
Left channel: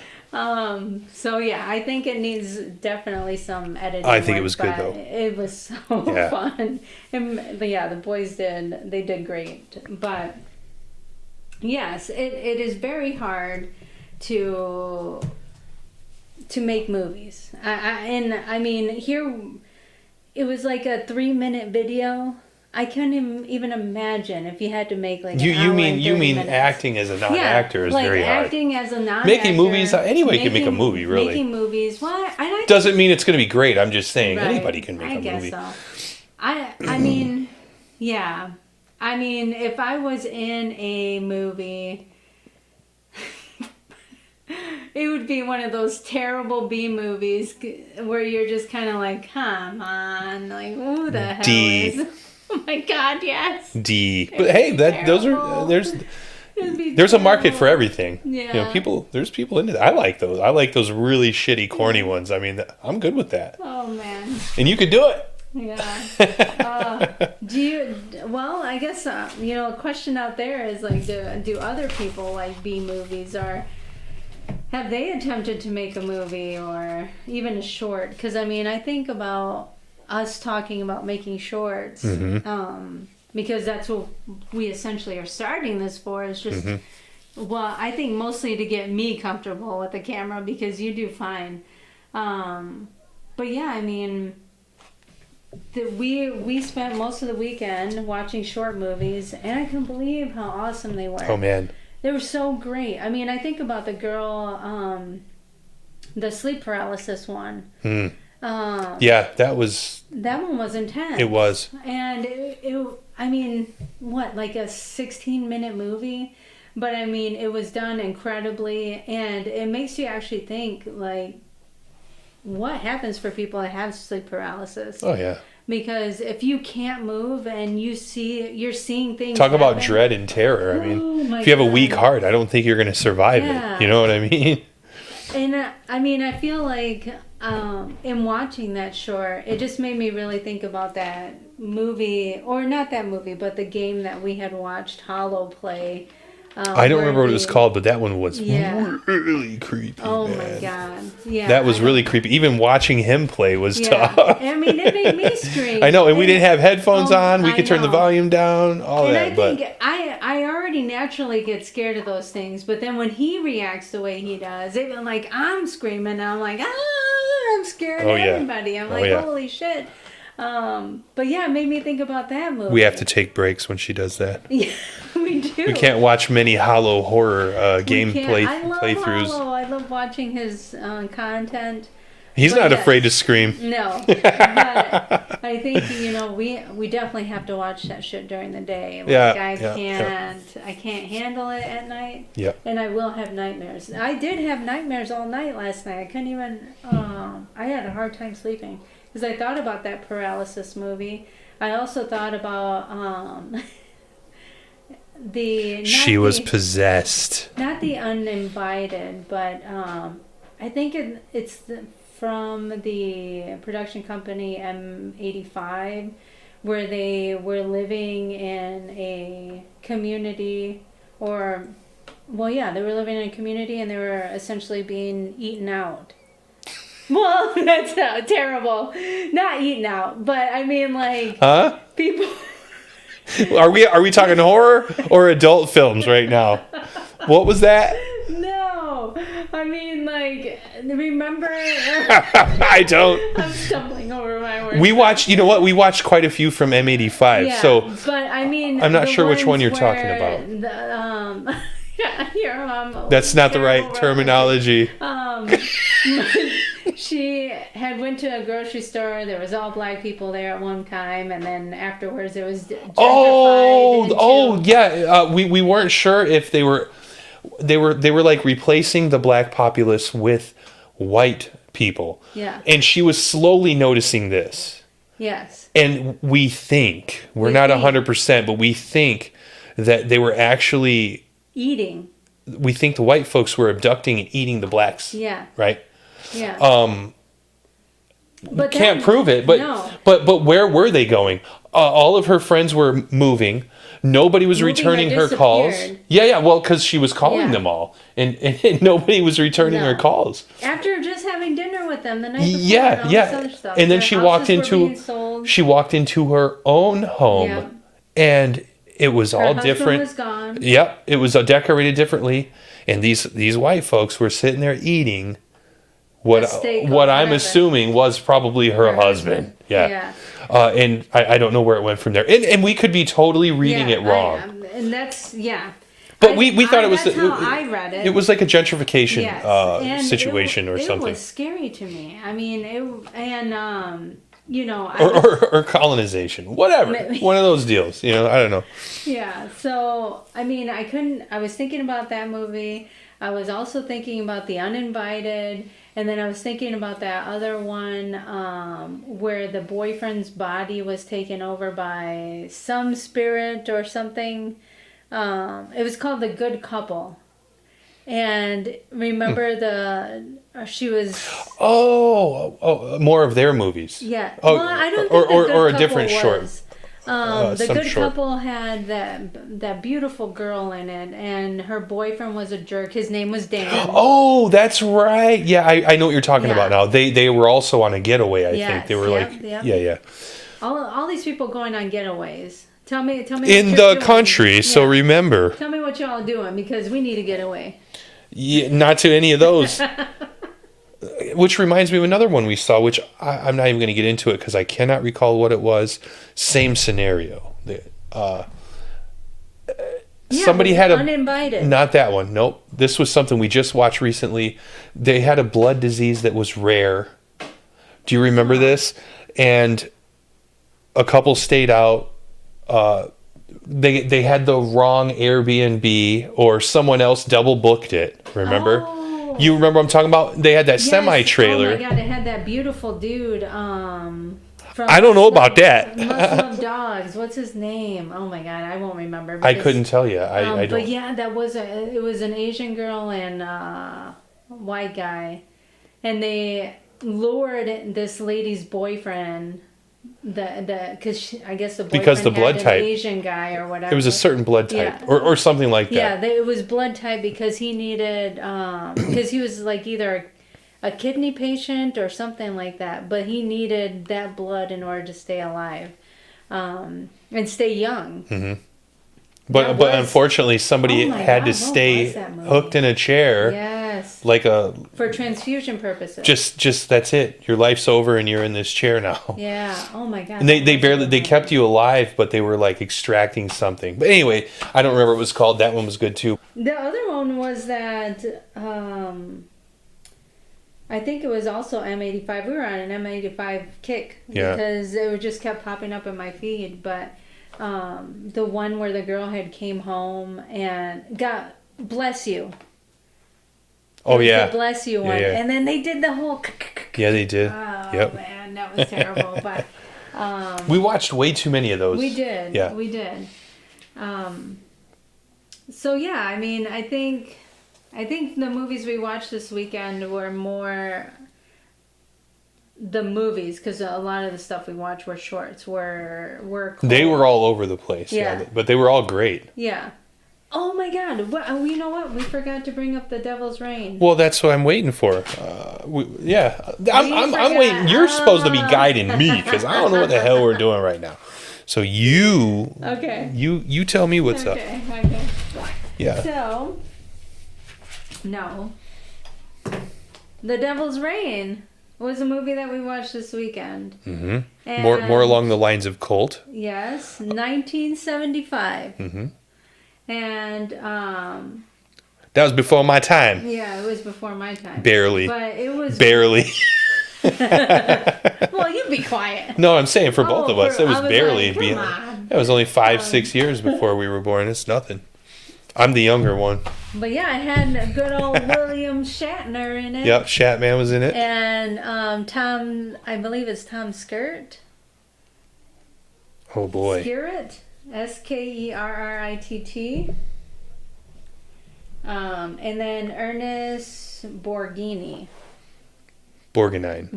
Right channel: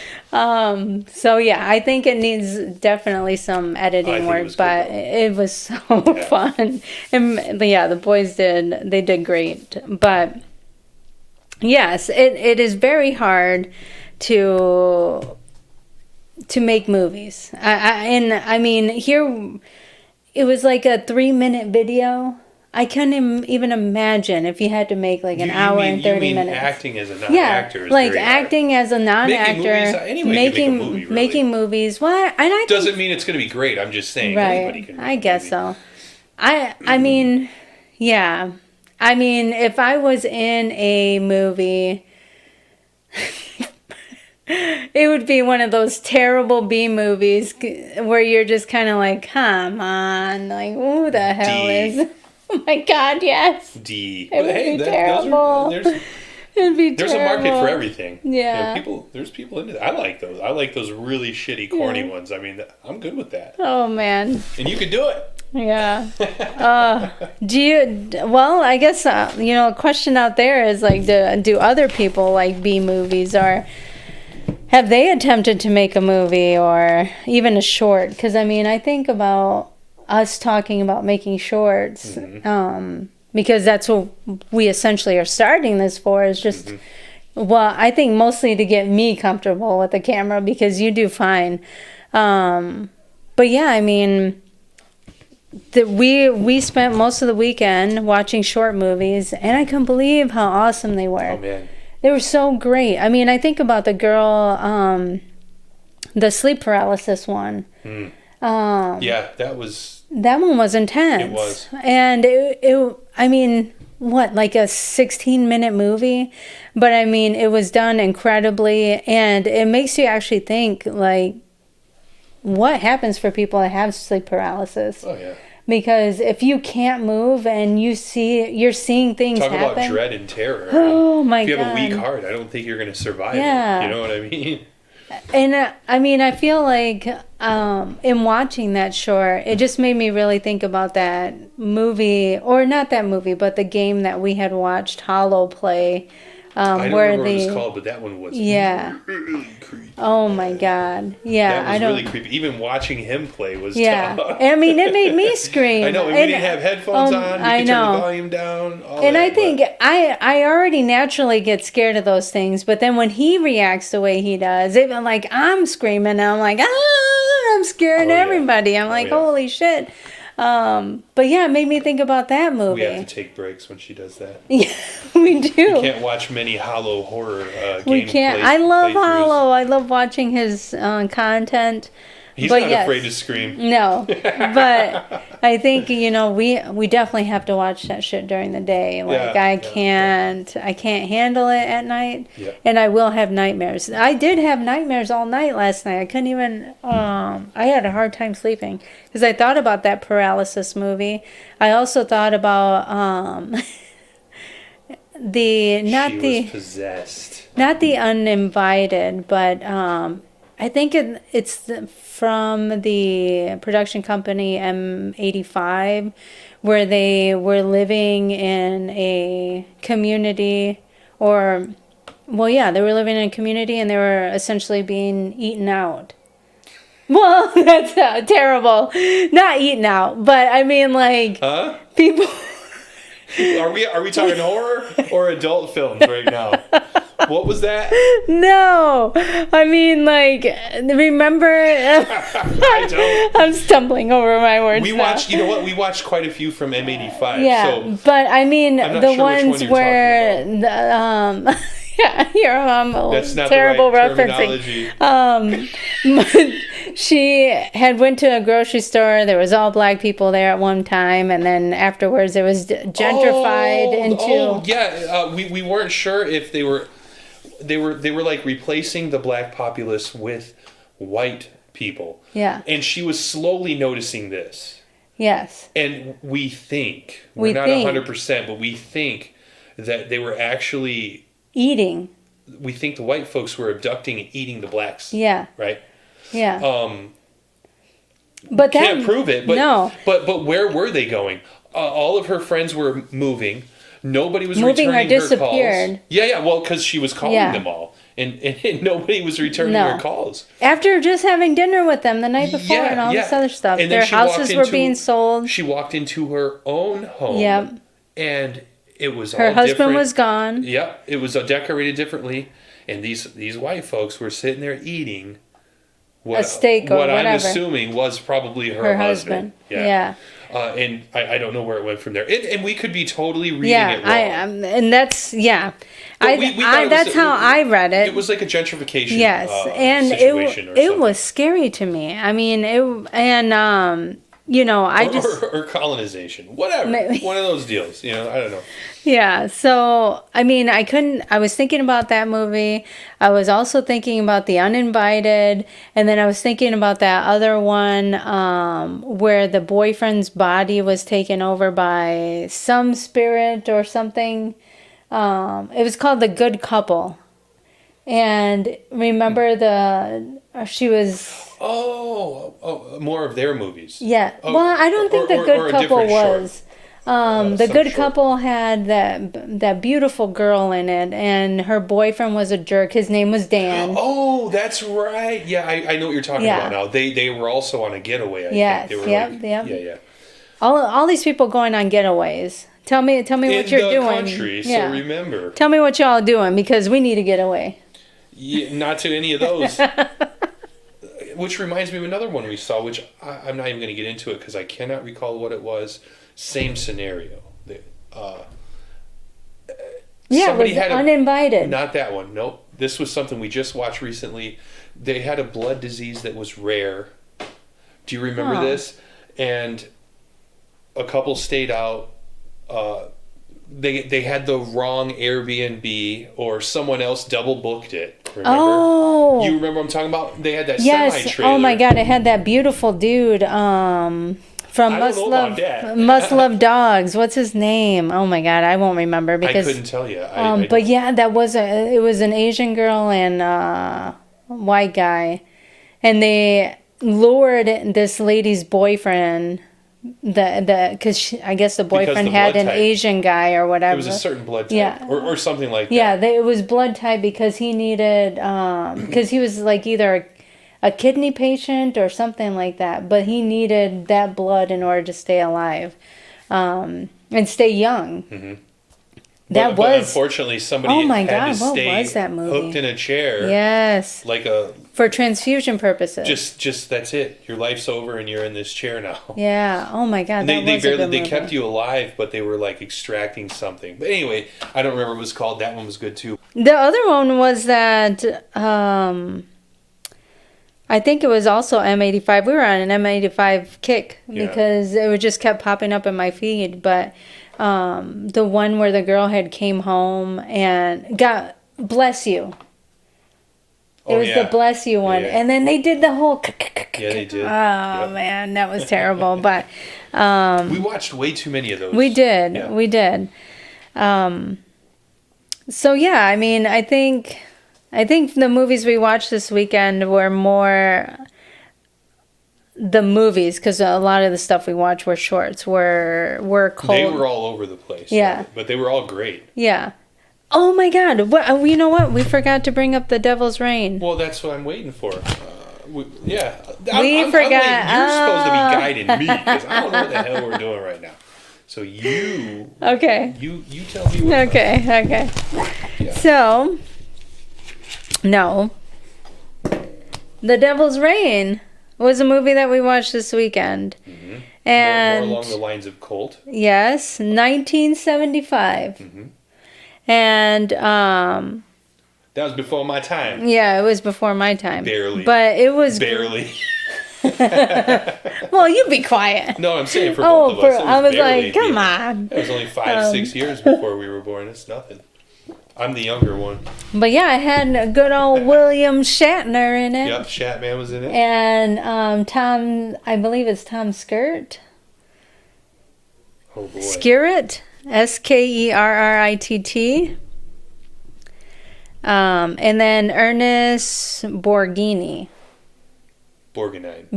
So yeah, I think it needs definitely some editing I think work, it was good, but though. it was so fun. And the boys did great. But Yes, it is very hard to make movies. I mean, here it was like a 3-minute video. I couldn't even imagine if you had to make like an hour and 30 you mean minutes. acting as a non-actor is like very hard. acting as a non-actor. Making movies, anybody can make a movie, really. Making movies, well, and I Doesn't mean it's going to be great. I'm just saying right, anybody can make a movie. I guess so. I mean, yeah. I mean, if I was in a movie, it would be one of those terrible B movies where you're just kind of like, come on, like, who the hell is? Oh my God, yes. D. It But would hey, be those are terrible. It'd be there's a market terrible. for everything. Yeah. There's people into that. I like those. I like those really shitty, corny ones. I mean, I'm good with that. Oh man. And you could do it. Yeah. Well, I guess, a question out there is like, do other people like B movies, or have they attempted to make a movie or even a short? Because, I mean, I think about us talking about making shorts, because that's what we essentially are starting this for, is just, well, I think mostly to get me comfortable with the camera, because you do fine. But yeah, I mean, we spent most of the weekend watching short movies, and I couldn't believe how awesome they were. Oh man. They were so great. I mean, I think about the girl, the sleep paralysis one. Yeah, that one was intense. It was. And I mean, what, like a 16-minute movie? But I mean, it was done incredibly, and it makes you actually think, like, what happens for people that have sleep paralysis? Oh yeah. Because if you can't move and you're seeing things Talk happen, about dread and terror. I mean, oh my if you have a God. weak heart, I don't think you're going to survive Yeah. it. You know what I mean? And I mean, I feel like in watching that short, it just made me really think about that movie, or not that movie, but the game that we had watched, Hollow Play. I don't remember what it was called, but that one was really creepy. Oh my God. Yeah. That was really creepy. Even watching him play was tough. I mean, it made me scream. I know, and we didn't have headphones on. We could turn the know. volume down. All And that, I think I already naturally get scared of those things, but then when he reacts the way he does, even like I'm screaming, and I'm like, I'm scared of yeah. everybody. I'm like, yeah. holy shit. But yeah, it made me think about that movie. we have to take breaks when she does that. Yeah, we do. We can't watch many Hollow horror game play, I love playthroughs. Hollow. I love watching his content. He's But not yes. afraid to scream. No, but I think we definitely have to watch that shit during the day. Like I can't handle it at night, and I will have nightmares. I did have nightmares all night last night. I couldn't even. I had a hard time sleeping because I thought about that paralysis movie. I also thought about She was possessed. Not the Uninvited, but I think it's from the production company M85, where they were living in a community, they were living in a community, and they were essentially being eaten out. Well, that's terrible. Not eaten out, but I mean, like, people. Are we talking horror or adult films right now? What was that? No, I mean, like, remember? I don't. I'm stumbling over my words. We watched. You know what? We watched quite a few from M85. Yeah, So but I mean, I'm not the sure which ones one you're where talking about. That's not the right terminology. She had went to a grocery store. There was all black people there at one time, and then afterwards it was gentrified into. We weren't sure if they were like replacing the black populace with white people. Yeah. And she was slowly noticing this. Yes. And we think we're not 100%, but we think that they were actually eating. We think the white folks were abducting and eating the blacks. Yeah. Right? Yeah. But can't prove it. But no. But where were they going? All of her friends were moving. Nobody was returning her calls. Yeah. Well, because she was calling them all, and nobody was returning her calls. After just having dinner with them the night before and all this other stuff, and then their houses were being sold. She walked into her own home, and It was Her all husband different. was gone. Yep, it was decorated differently, and these white folks were sitting there eating A steak or what I'm whatever. assuming was probably her husband. Yeah. And I don't know where it went from there. And we could be totally reading it wrong. and that's But we thought it was that's how I read it. It was like a gentrification Yes, and situation or something. It was scary to me. I mean, or colonization, whatever. One of those deals. I don't know. Yeah, so I was thinking about that movie. I was also thinking about The Uninvited, and then I was thinking about that other one where the boyfriend's body was taken over by some spirit or something. It was called The Good Couple. And remember she was... Oh, more of their movies. Yeah. Oh, well, I don't think The Good or a Couple different short. was. The some Good short. Couple had that beautiful girl in it, and her boyfriend was a jerk. His name was Dan. Oh, that's right. Yeah, I know what you're talking about now. They were also on a getaway, I think. They were yeah. All these people going on getaways. Tell me what In you're doing. the country, so Yeah. remember. Tell me what y'all doing, because we need to get away. Yeah, not to any of those. Which reminds me of another one we saw, which I'm not even going to get into it because I cannot recall what it was. Same scenario. Somebody had Uninvited. Not that one. Nope. This was something we just watched recently. They had a blood disease that was rare. Do you remember this? And a couple stayed out. They had the wrong Airbnb, or someone else double booked it. Remember? Oh. You remember what I'm talking about? They had that semi trailer. Oh my God! It had that beautiful dude from. I don't know about that. Must Love Dogs. What's his name? Oh my God, I won't remember because I couldn't tell you. I but yeah, it was an Asian girl and a white guy, and they lured this lady's boyfriend. Because I guess the boyfriend had an type. Asian guy or whatever. It was a certain blood type, Yeah. or something like that. Yeah, it was blood type because he needed, because he was like either a kidney patient or something like that, but he needed that blood in order to stay alive and stay young. Mm-hmm. But unfortunately, somebody Oh my had God, to what stay was that movie? hooked in a chair. Yes. Like for transfusion purposes. Just that's it. Your life's over and you're in this chair now. Yeah. Oh my God. And they kept you alive, but they were like extracting something. But anyway, I don't remember what it was called. That one was good too. The other one was that I think it was also M85. We were on an M85 kick because it just kept popping up in my feed. But the one where the girl had came home and got Bless You. It was the Bless You one. Yeah. And then they did the whole... Yeah, they did. Oh, man, that was terrible. But we watched way too many of those. we did. Yeah. We did. So, yeah, I mean, I think the movies we watched this weekend were more the movies, because a lot of the stuff we watched were shorts, were cold. They were all over the place. Yeah. But they were all great. Yeah. Oh my God! You know what? We forgot to bring up The Devil's Rain. Well, that's what I'm waiting for. I'm waiting. You're supposed to be guiding me because I don't know what the hell we're doing right now. So you tell me what's up. Okay. Yeah. So, no. The Devil's Rain was a movie that we watched this weekend. Mm-hmm. And more along the lines of Cult. Yes, 1975. Mm-hmm. And that was before my time. yeah, it was before my time. Barely. But it was Barely. Well, you be quiet. No, I'm saying for both of us, it was I was barely. like, come on. It was only 5-6 years before we were born. It's nothing. I'm the younger one. But yeah, it had a good old William Shatner in it. Yep, Shatman was in it. And Tom, I believe it's Tom Skerritt. Oh boy. Skerritt, Skerritt. And then Ernest Borgnine. Borgnine.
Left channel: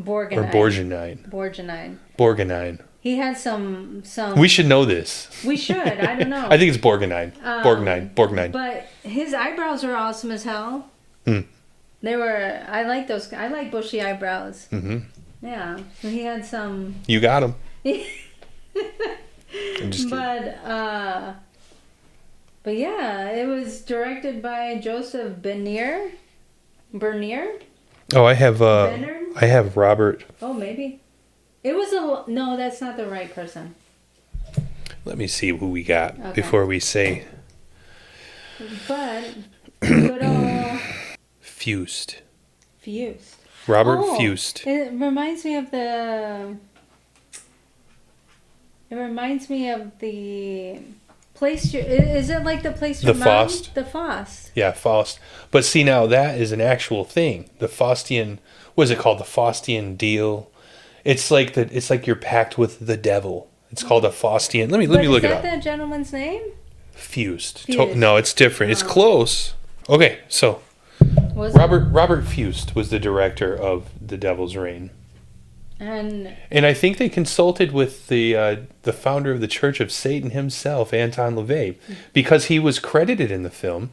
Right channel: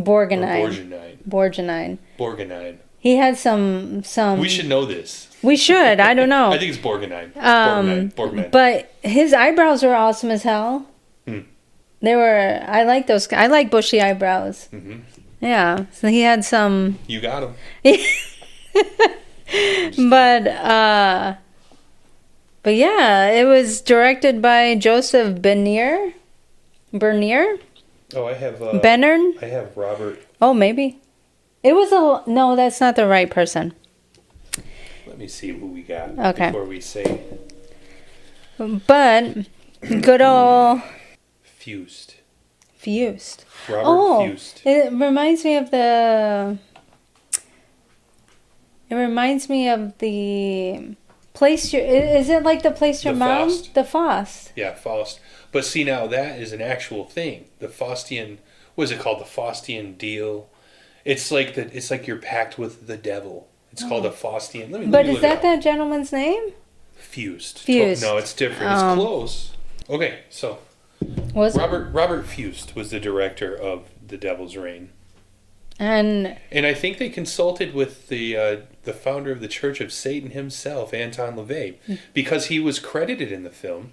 Borgnine. He had some. We should know this. We should. I don't know. I think it's Borgnine. Borgnine. But his eyebrows were awesome as hell. Mm. They were. I like those. I like bushy eyebrows. Mm-hmm. Yeah. So he had some. You got him. But But yeah, it was directed by Joseph Bernier? Oh, I have Bernard? I have Robert. Oh, maybe. It was a... No, that's not the right person. Let me see who we got Okay. before we say But good old Fused. Fused. Robert Fused. It reminds me of the... It reminds me of the place... Is it like the place your The mom? Faust. The Faust. Yeah, Faust. But see, now that is an actual thing. The Faustian, what is it called? The Faustian deal. It's like you're packed with the devil. It's called a Faustian. Let me But look is it that up. that gentleman's name? Fused. Fused. No, it's different. It's close. Okay, so Was it? Robert Fused was the director of The Devil's Reign. And And I think they consulted with the founder of the Church of Satan himself, Anton LaVey, because he was credited in the film,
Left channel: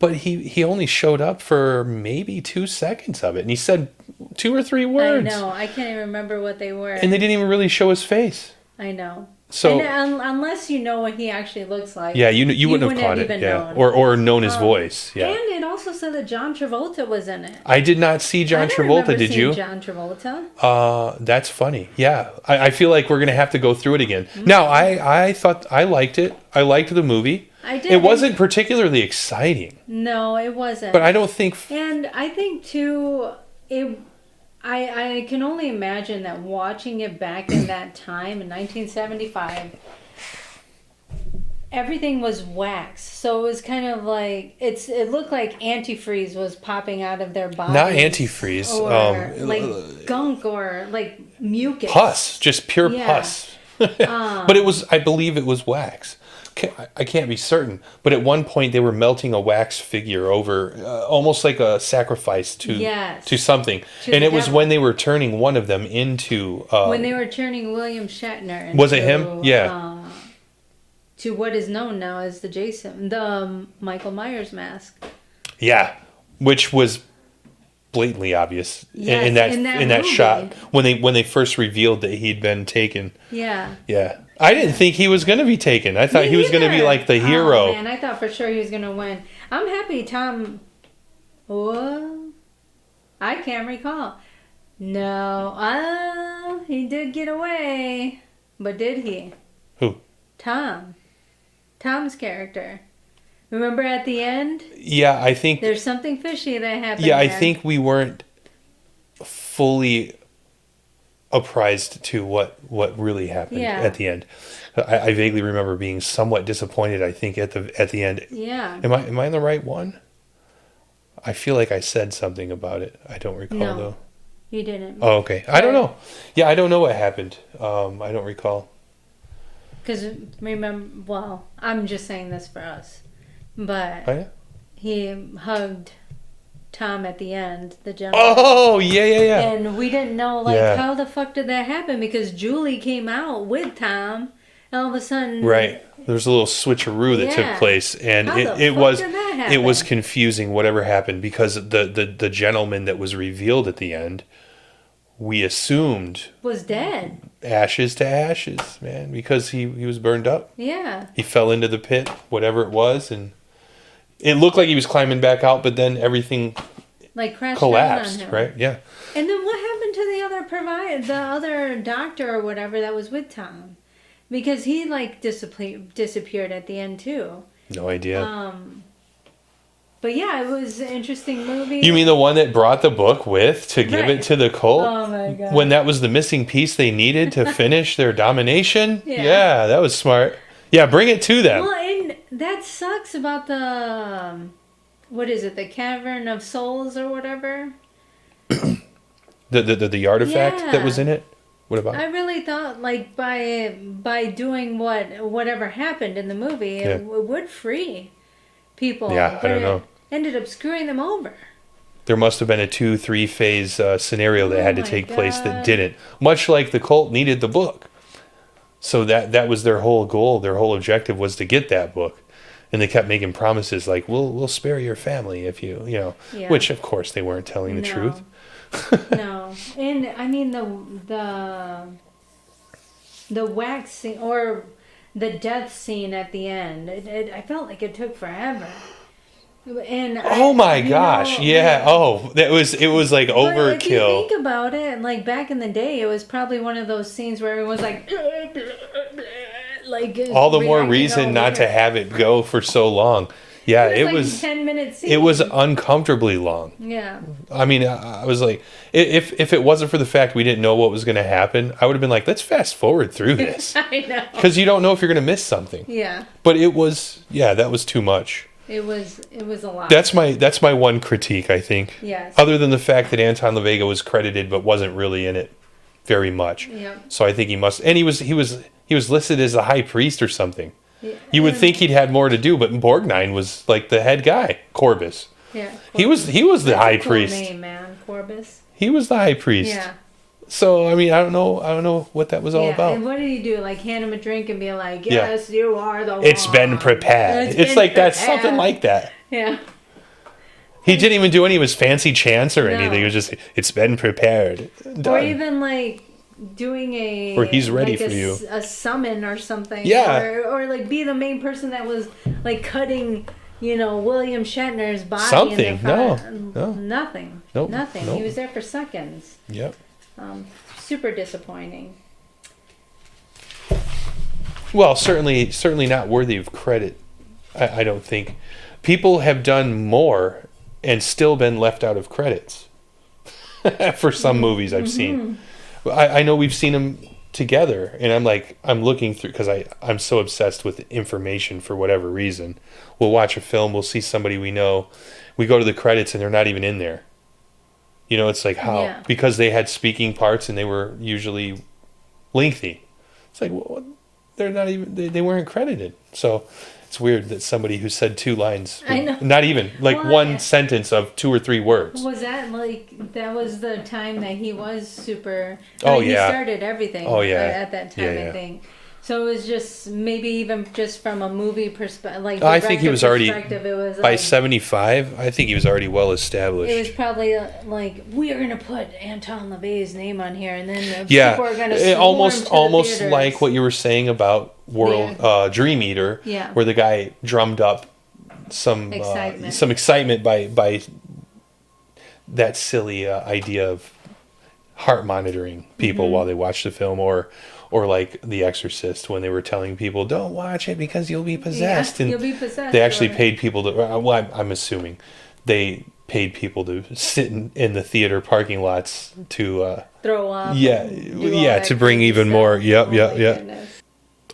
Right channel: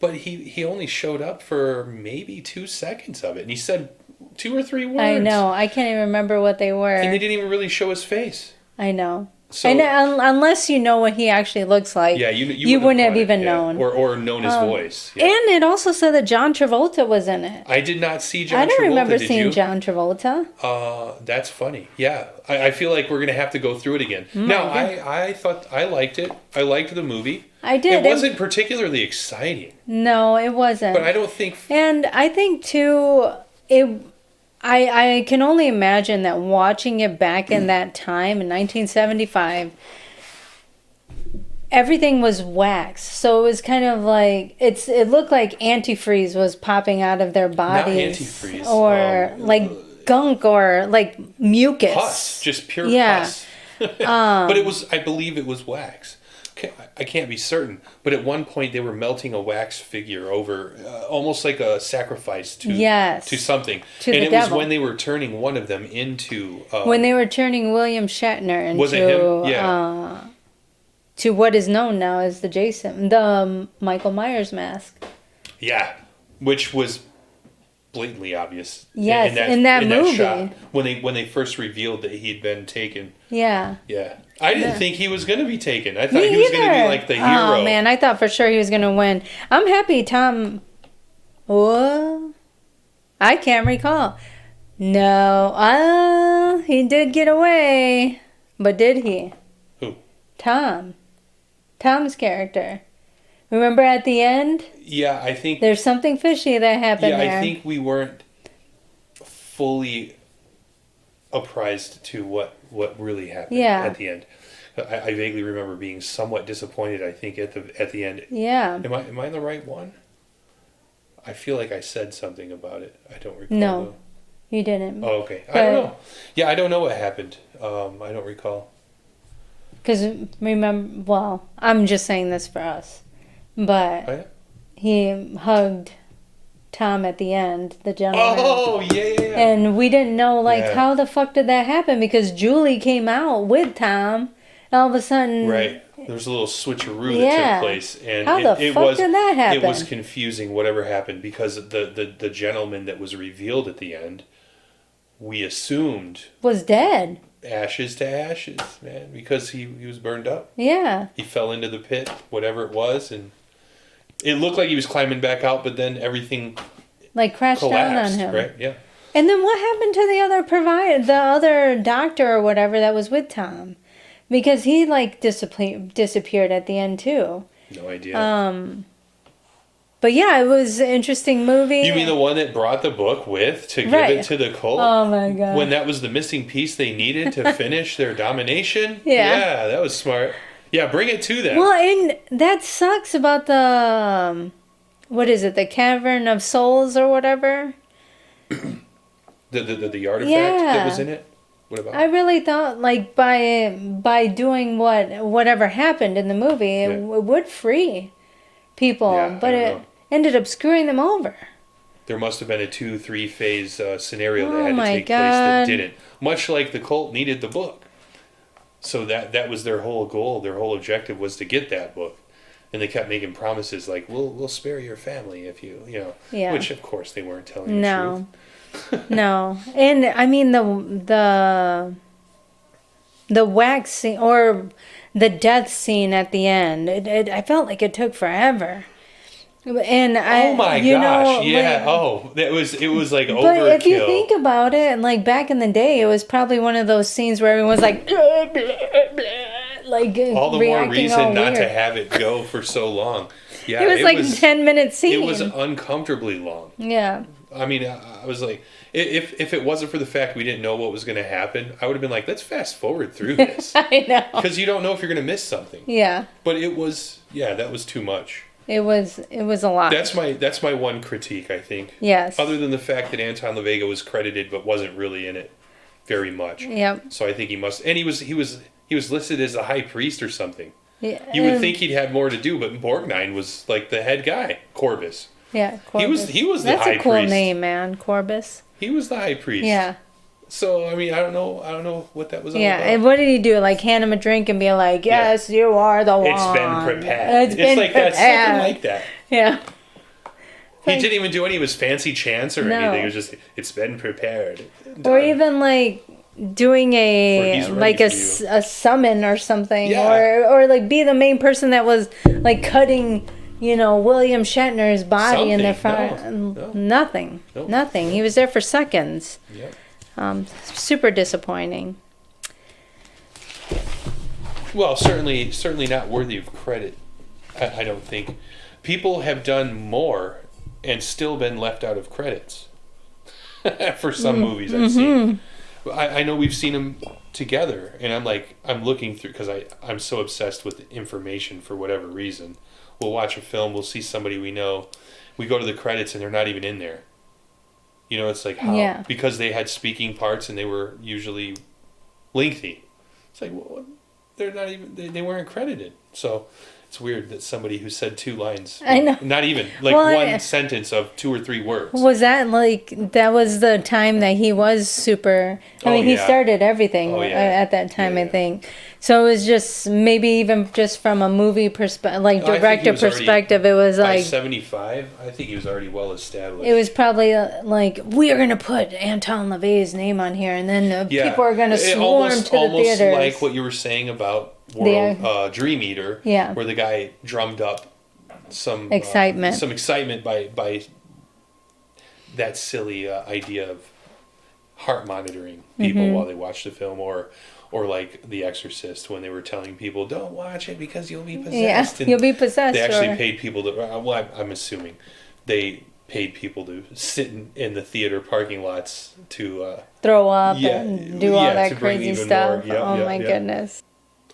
but he only showed up for maybe 2 seconds of it, and he said 2 or 3 words. I know. I can't even remember what they were. And they didn't even really show his face. I know. So And, unless you know what he actually looks like. yeah, you wouldn't have caught even it, yeah. known. or known his voice. Yeah. And it also said that John Travolta was in it. I did not see I John don't Travolta. remember Did seeing you? John Travolta. That's funny. Yeah, I feel like we're gonna have to go through it again. Now, I thought I liked it. I liked the movie. I did. It wasn't particularly exciting, No, it wasn't. but I don't think. And I think too, I can only imagine that watching it back in that time in 1975, everything was wax. So it was kind of like it looked like antifreeze was popping out of their bodies. Not antifreeze, or like gunk or like mucus. Pus, just pure Yeah. pus. But it was, I believe it was wax. I can't be certain, but at one point they were melting a wax figure over, almost like a sacrifice to Yes. to something, To and the it was devil. when they were turning one of them into. When they were turning William Shatner into, Was it him? Yeah. To what is known now as the Michael Myers mask. Yeah, which was blatantly obvious Yes, in that movie. shot when they first revealed that he'd been taken. Yeah. Yeah, I didn't think he was going to be taken. I thought he was going to be either. like the hero. Oh man, I thought for sure he was gonna win. I'm happy Tom. What? I can't recall. No, he did get away, but did he? Who? Tom's character. Remember at the end? Yeah, I think. There's something fishy that happened. Yeah, I there. think we weren't fully apprised to what really happened Yeah. at the end. I vaguely remember being somewhat disappointed. I think at the end. Yeah. Am I in the right one? I feel like I said something about it. I don't recall No. though. You didn't. Oh, okay. I don't know. Yeah, I don't know what happened. I don't recall. Because remember, well, I'm just saying this for us, but Oh, yeah? he hugged Tom at the end, the gentleman. Oh, yeah. And we didn't know, like, Yeah. how the fuck did that happen? Because Julie came out with Tom, and all of a sudden... Right. There was a little switcheroo that Yeah. took place, and How the it fuck was did that it was happen? confusing. Whatever happened, because the gentleman that was revealed at the end, we assumed Was dead. ashes to ashes, man, because he was burned up. Yeah. He fell into the pit, whatever it was, and it looked like he was climbing back out, but then everything Like, crashed down on collapsed. him. Right? Yeah. And then what happened to the other doctor or whatever that was with Tom? Because he, like, disappeared at the end, too. No idea. But yeah, it was an interesting movie. You mean the one that brought the book with to give Right. it to the cult? Oh my god. When that was the missing piece they needed to finish their domination? Yeah. that was smart. Yeah, bring it to them. Well, and that sucks about the what is it? The Cavern of Souls or whatever? The artifact that was Yeah. in it? What about I really thought like by doing whatever happened in the movie, it would free people, Yeah, but I don't it know. ended up screwing them over. There must have been a 2-3 phase scenario that Oh had to my take place that God. didn't. Much like the cult needed the book. So that was their whole goal, their whole objective was to get that book. And they kept making promises like, we'll spare your family if you know, Yeah. which of course they weren't telling the truth. No, and I mean the waxing or the death scene at the end, I felt like it took forever. And Oh my you gosh! know, Yeah. like, Oh, it was like but if you overkill. think about it, like back in the day, it was probably one of those scenes where everyone was like, like All the more reacting reason all not to weird. have it go for so long. Yeah, It was like 10 minute scene. it was uncomfortably long. Yeah. I mean, I was like, if it wasn't for the fact we didn't know what was going to happen, I would have been like, let's fast forward through this I know. because you don't know if you're going to miss something. Yeah. But it was, yeah, that was too much. It was a lot. That's my one critique, I think. Yes. Other than the fact that Anton LaVega was credited but wasn't really in it very much. Yep. So I think he must, and he was listed as the high priest or something. Yeah. You would think he'd had more to do, but Borgnine was like the head guy, Corbus. Yeah. He was the That's high a cool priest. name, man. Corbus. He was the high priest. Yeah. So I mean, I don't know what that was all Yeah. about. And what did he do? Like hand him a drink and be like, "Yes, you are the one." It's been prepared. It's like that, something like that. Yeah. He didn't even do any of his fancy chants or No. anything. It was just, it's been prepared. Or Done. even like doing Or a he's ready like a, for you. a summon or something. Yeah. Or like be the main person that was like cutting, William Shatner's body in the Something. front. No. Nothing. Nope. Nothing. Nope. He was there for seconds. Yep. Super disappointing. Well, certainly not worthy of credit. I don't think. People have done more and still been left out of credits for some movies I've seen. I know we've seen them together, and I'm looking through because I'm so obsessed with information for whatever reason. We'll watch a film, we'll see somebody we know, we go to the credits and they're not even in there. It's like how Yeah. because they had speaking parts and they were usually lengthy. It's like, well, they're not even they weren't credited. So it's weird that somebody who said 2 lines, I know. not even like Well, one sentence of 2 or 3 words. Was that was the time that he was super? I Oh, mean, he yeah. started everything Oh, yeah. at that time, Yeah, I yeah. think. So it was just maybe even just from a movie perspective, like I think he director was already- perspective, it was By like 75, I think he was already well established. it was probably like we are gonna put Anton LaVey's name on here, and then yeah, people are gonna it swarm almost to the almost theaters. like what you were saying about Dream Eater, Yeah. where the guy drummed up some excitement by that silly idea of heart monitoring people Mm-hmm. while they watch the film, or like The Exorcist when they were telling people don't watch it because you'll be possessed. Yeah, And you'll be possessed. they actually or- paid people to. Well, I'm assuming they paid people to sit in the theater parking lots to. throw up. Yeah, and do all yeah, that to bring crazy even more. stuff. Yep, oh yep, my yep. goodness.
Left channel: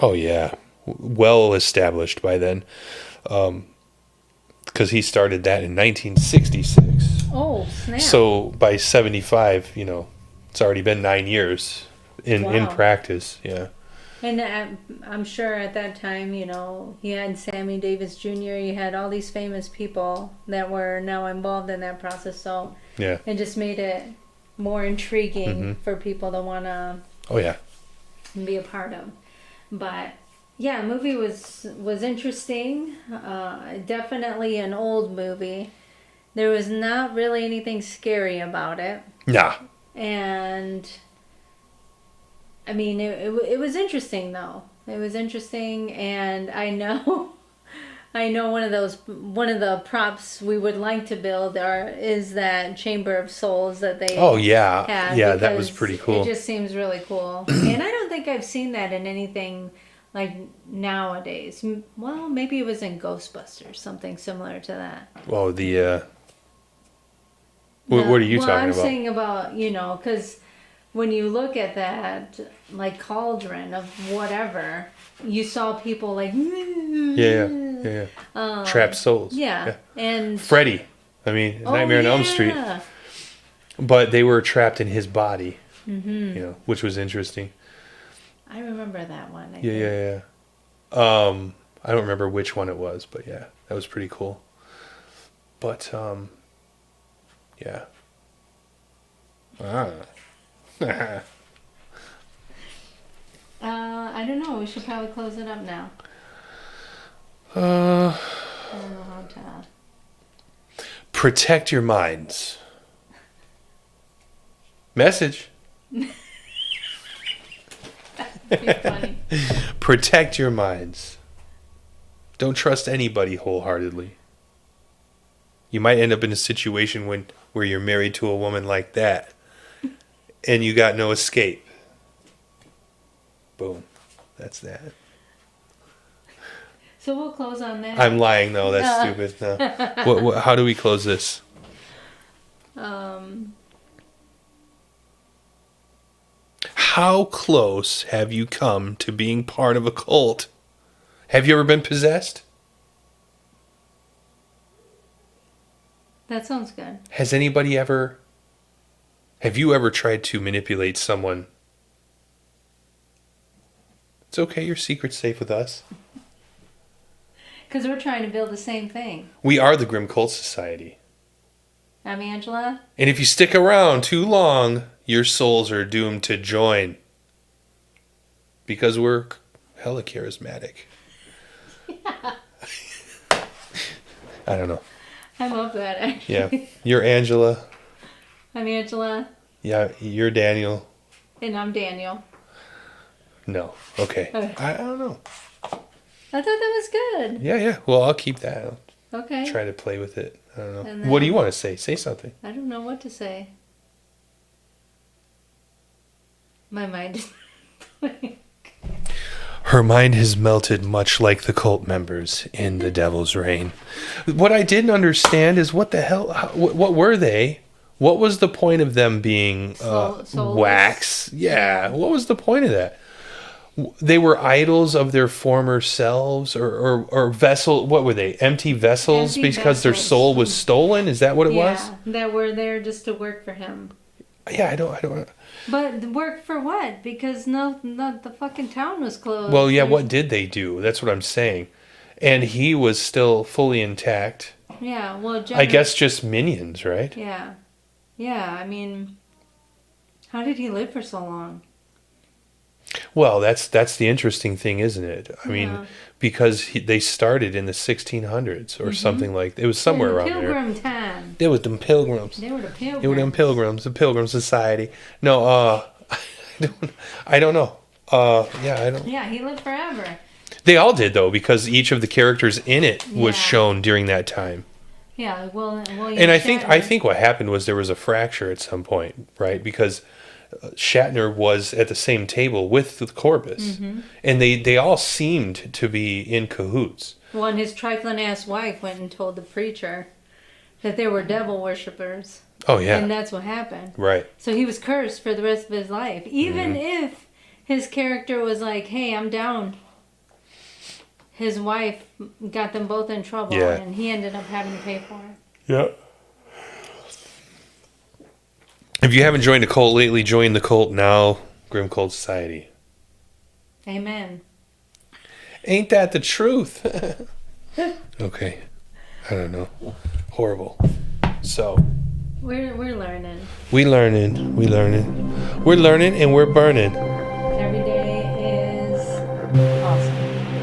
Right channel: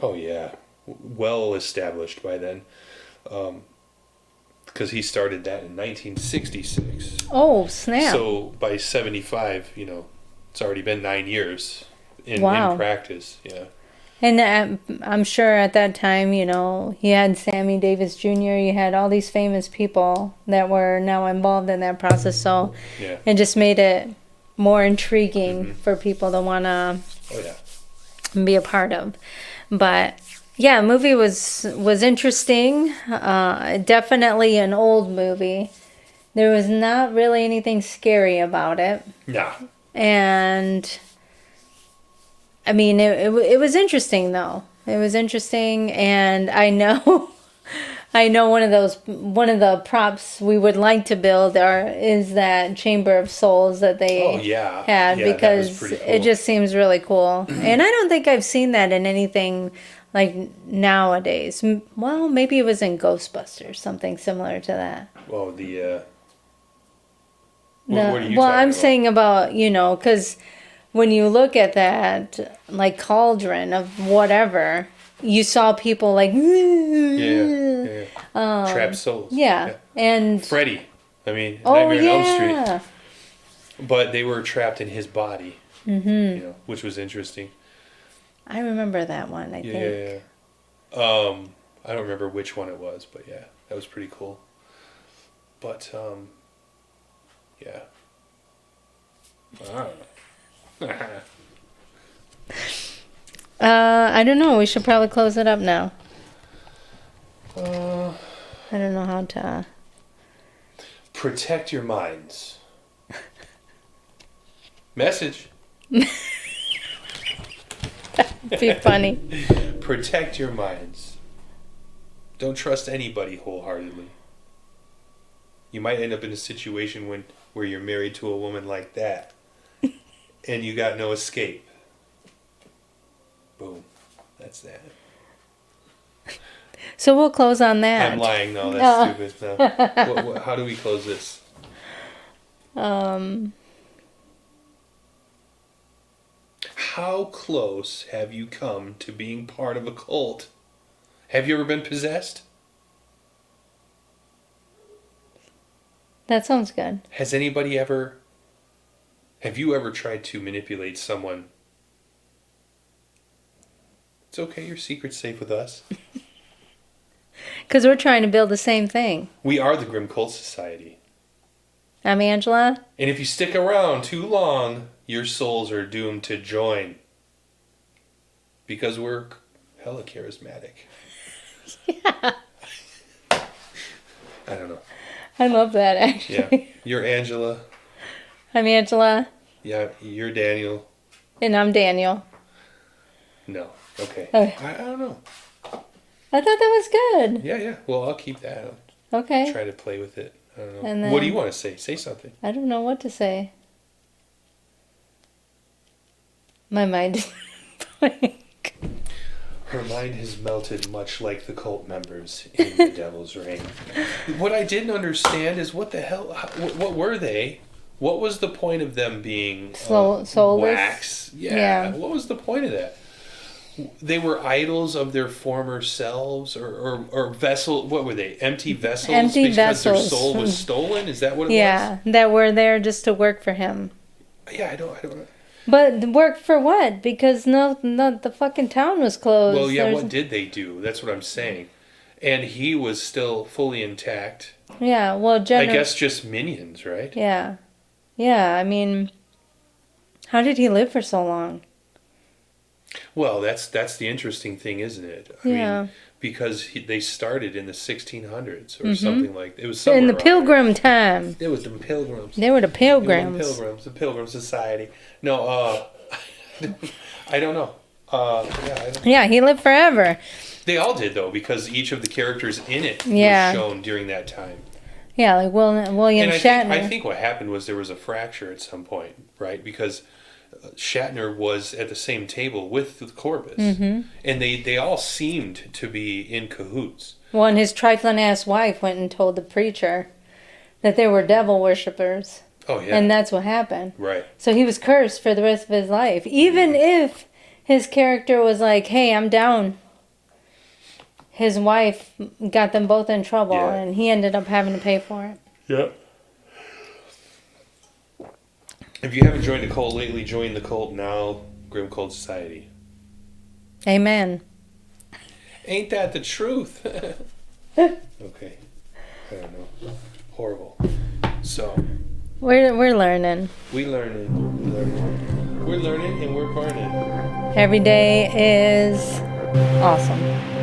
Oh yeah, well established by then, because he started that in 1966. Oh snap! So by 75, it's already been 9 years in Wow. practice. Yeah. And I'm sure at that time, he had Sammy Davis Jr., you had all these famous people that were now involved in that process. So Yeah. it just made it more intriguing Mm-hmm. for people to want to Oh yeah. be a part of. But yeah, movie was interesting. Definitely an old movie. There was not really anything scary about it. Nah. And I mean, it was interesting though. It was interesting, and I know, one of the props we would like to build is that Chamber of Souls that they Oh yeah. had Yeah, because that was pretty cool. it just seems really cool, and I don't think I've seen that in anything like nowadays. Well, maybe it was in Ghostbusters, something similar to that. Oh, the. What No, are you well, talking I'm about? saying about, because when you look at that, like cauldron of whatever, you saw people like, Yeah. Trapped souls. yeah. And Freddy. I mean, oh, Nightmare on Elm Street. yeah. But they were trapped in his body. Mm-hmm. Which was interesting. I remember that one. I think. Yeah. I don't remember which one it was, but yeah, that was pretty cool. But yeah. I don't know. We should probably close it up now. I don't know how to. Protect your minds. Message. Be funny. Protect your minds. Don't trust anybody wholeheartedly. You might end up in a situation where you're married to a woman like that, and you got no escape. Boom. That's that. So we'll close on that. I'm lying though. That's stupid. No. How do we close this? How close have you come to being part of a cult? Have you ever been possessed? That sounds good. Have you ever tried to manipulate someone? It's okay, your secret's safe with us. Because we're trying to build the same thing. We are the Grim Cult Society. I'm Angela. And if you stick around too long, your souls are doomed to join. Because we're hella charismatic. Yeah. I don't know. I love that, actually. Yeah. You're Angela. I'm Angela. Yeah, you're Daniel. And I'm Daniel. No. Okay. Okay. I don't know. I thought that was good. Yeah. Well, I'll keep that. Okay. Try to play with it. I don't know. And What do you want to say? Say something. I don't know what to say. My mind is blank. Her mind has melted much like the cult members in The Devil's Reign. What I didn't understand is what the hell, what were they? What was the point of them being Soulless? wax? Yeah. Yeah. What was the point of that? They were idols of their former selves or vessel. What were they? Empty vessels Empty because their vessels. soul was stolen? Is that what it Yeah, that were there just to work for him. was? Yeah, I don't. But work for what? Because no, the fucking town was closed. Well, yeah, There's- what did they do? That's what I'm saying. And he was still fully intact. Yeah, well, I guess just minions, right? Yeah. Yeah, I mean, how did he live for so long? Well, that's the interesting thing, isn't it? I Yeah. mean, because they started in the 1600s or something like it was somewhere In the around there. Pilgrim time. There was them pilgrims. They were the There were them Pilgrims. pilgrims, the Pilgrim Society. No, I don't know. Yeah, I don't. Yeah, he lived forever. They all did though, because each of the characters in it Yeah. was shown during that time. Yeah, like William And Shatner. I think what happened was there was a fracture at some point, right? Because Shatner was at the same table with the Corpus, and they all seemed to be in cahoots. Well, and his trifling ass wife went and told the preacher that they were devil worshippers. Oh yeah, And that's what happened. right. So he was cursed for the rest of his life. Even if his character was like, hey, I'm down. His wife got them both in trouble, Yeah. and he ended up having to pay for it. Yeah. If you haven't joined a cult lately, join the cult now. Grim Cult Society. Amen. Ain't that the truth? Okay. I don't know. Horrible. So We're learning. We're learning, and we're burning. Every day is awesome.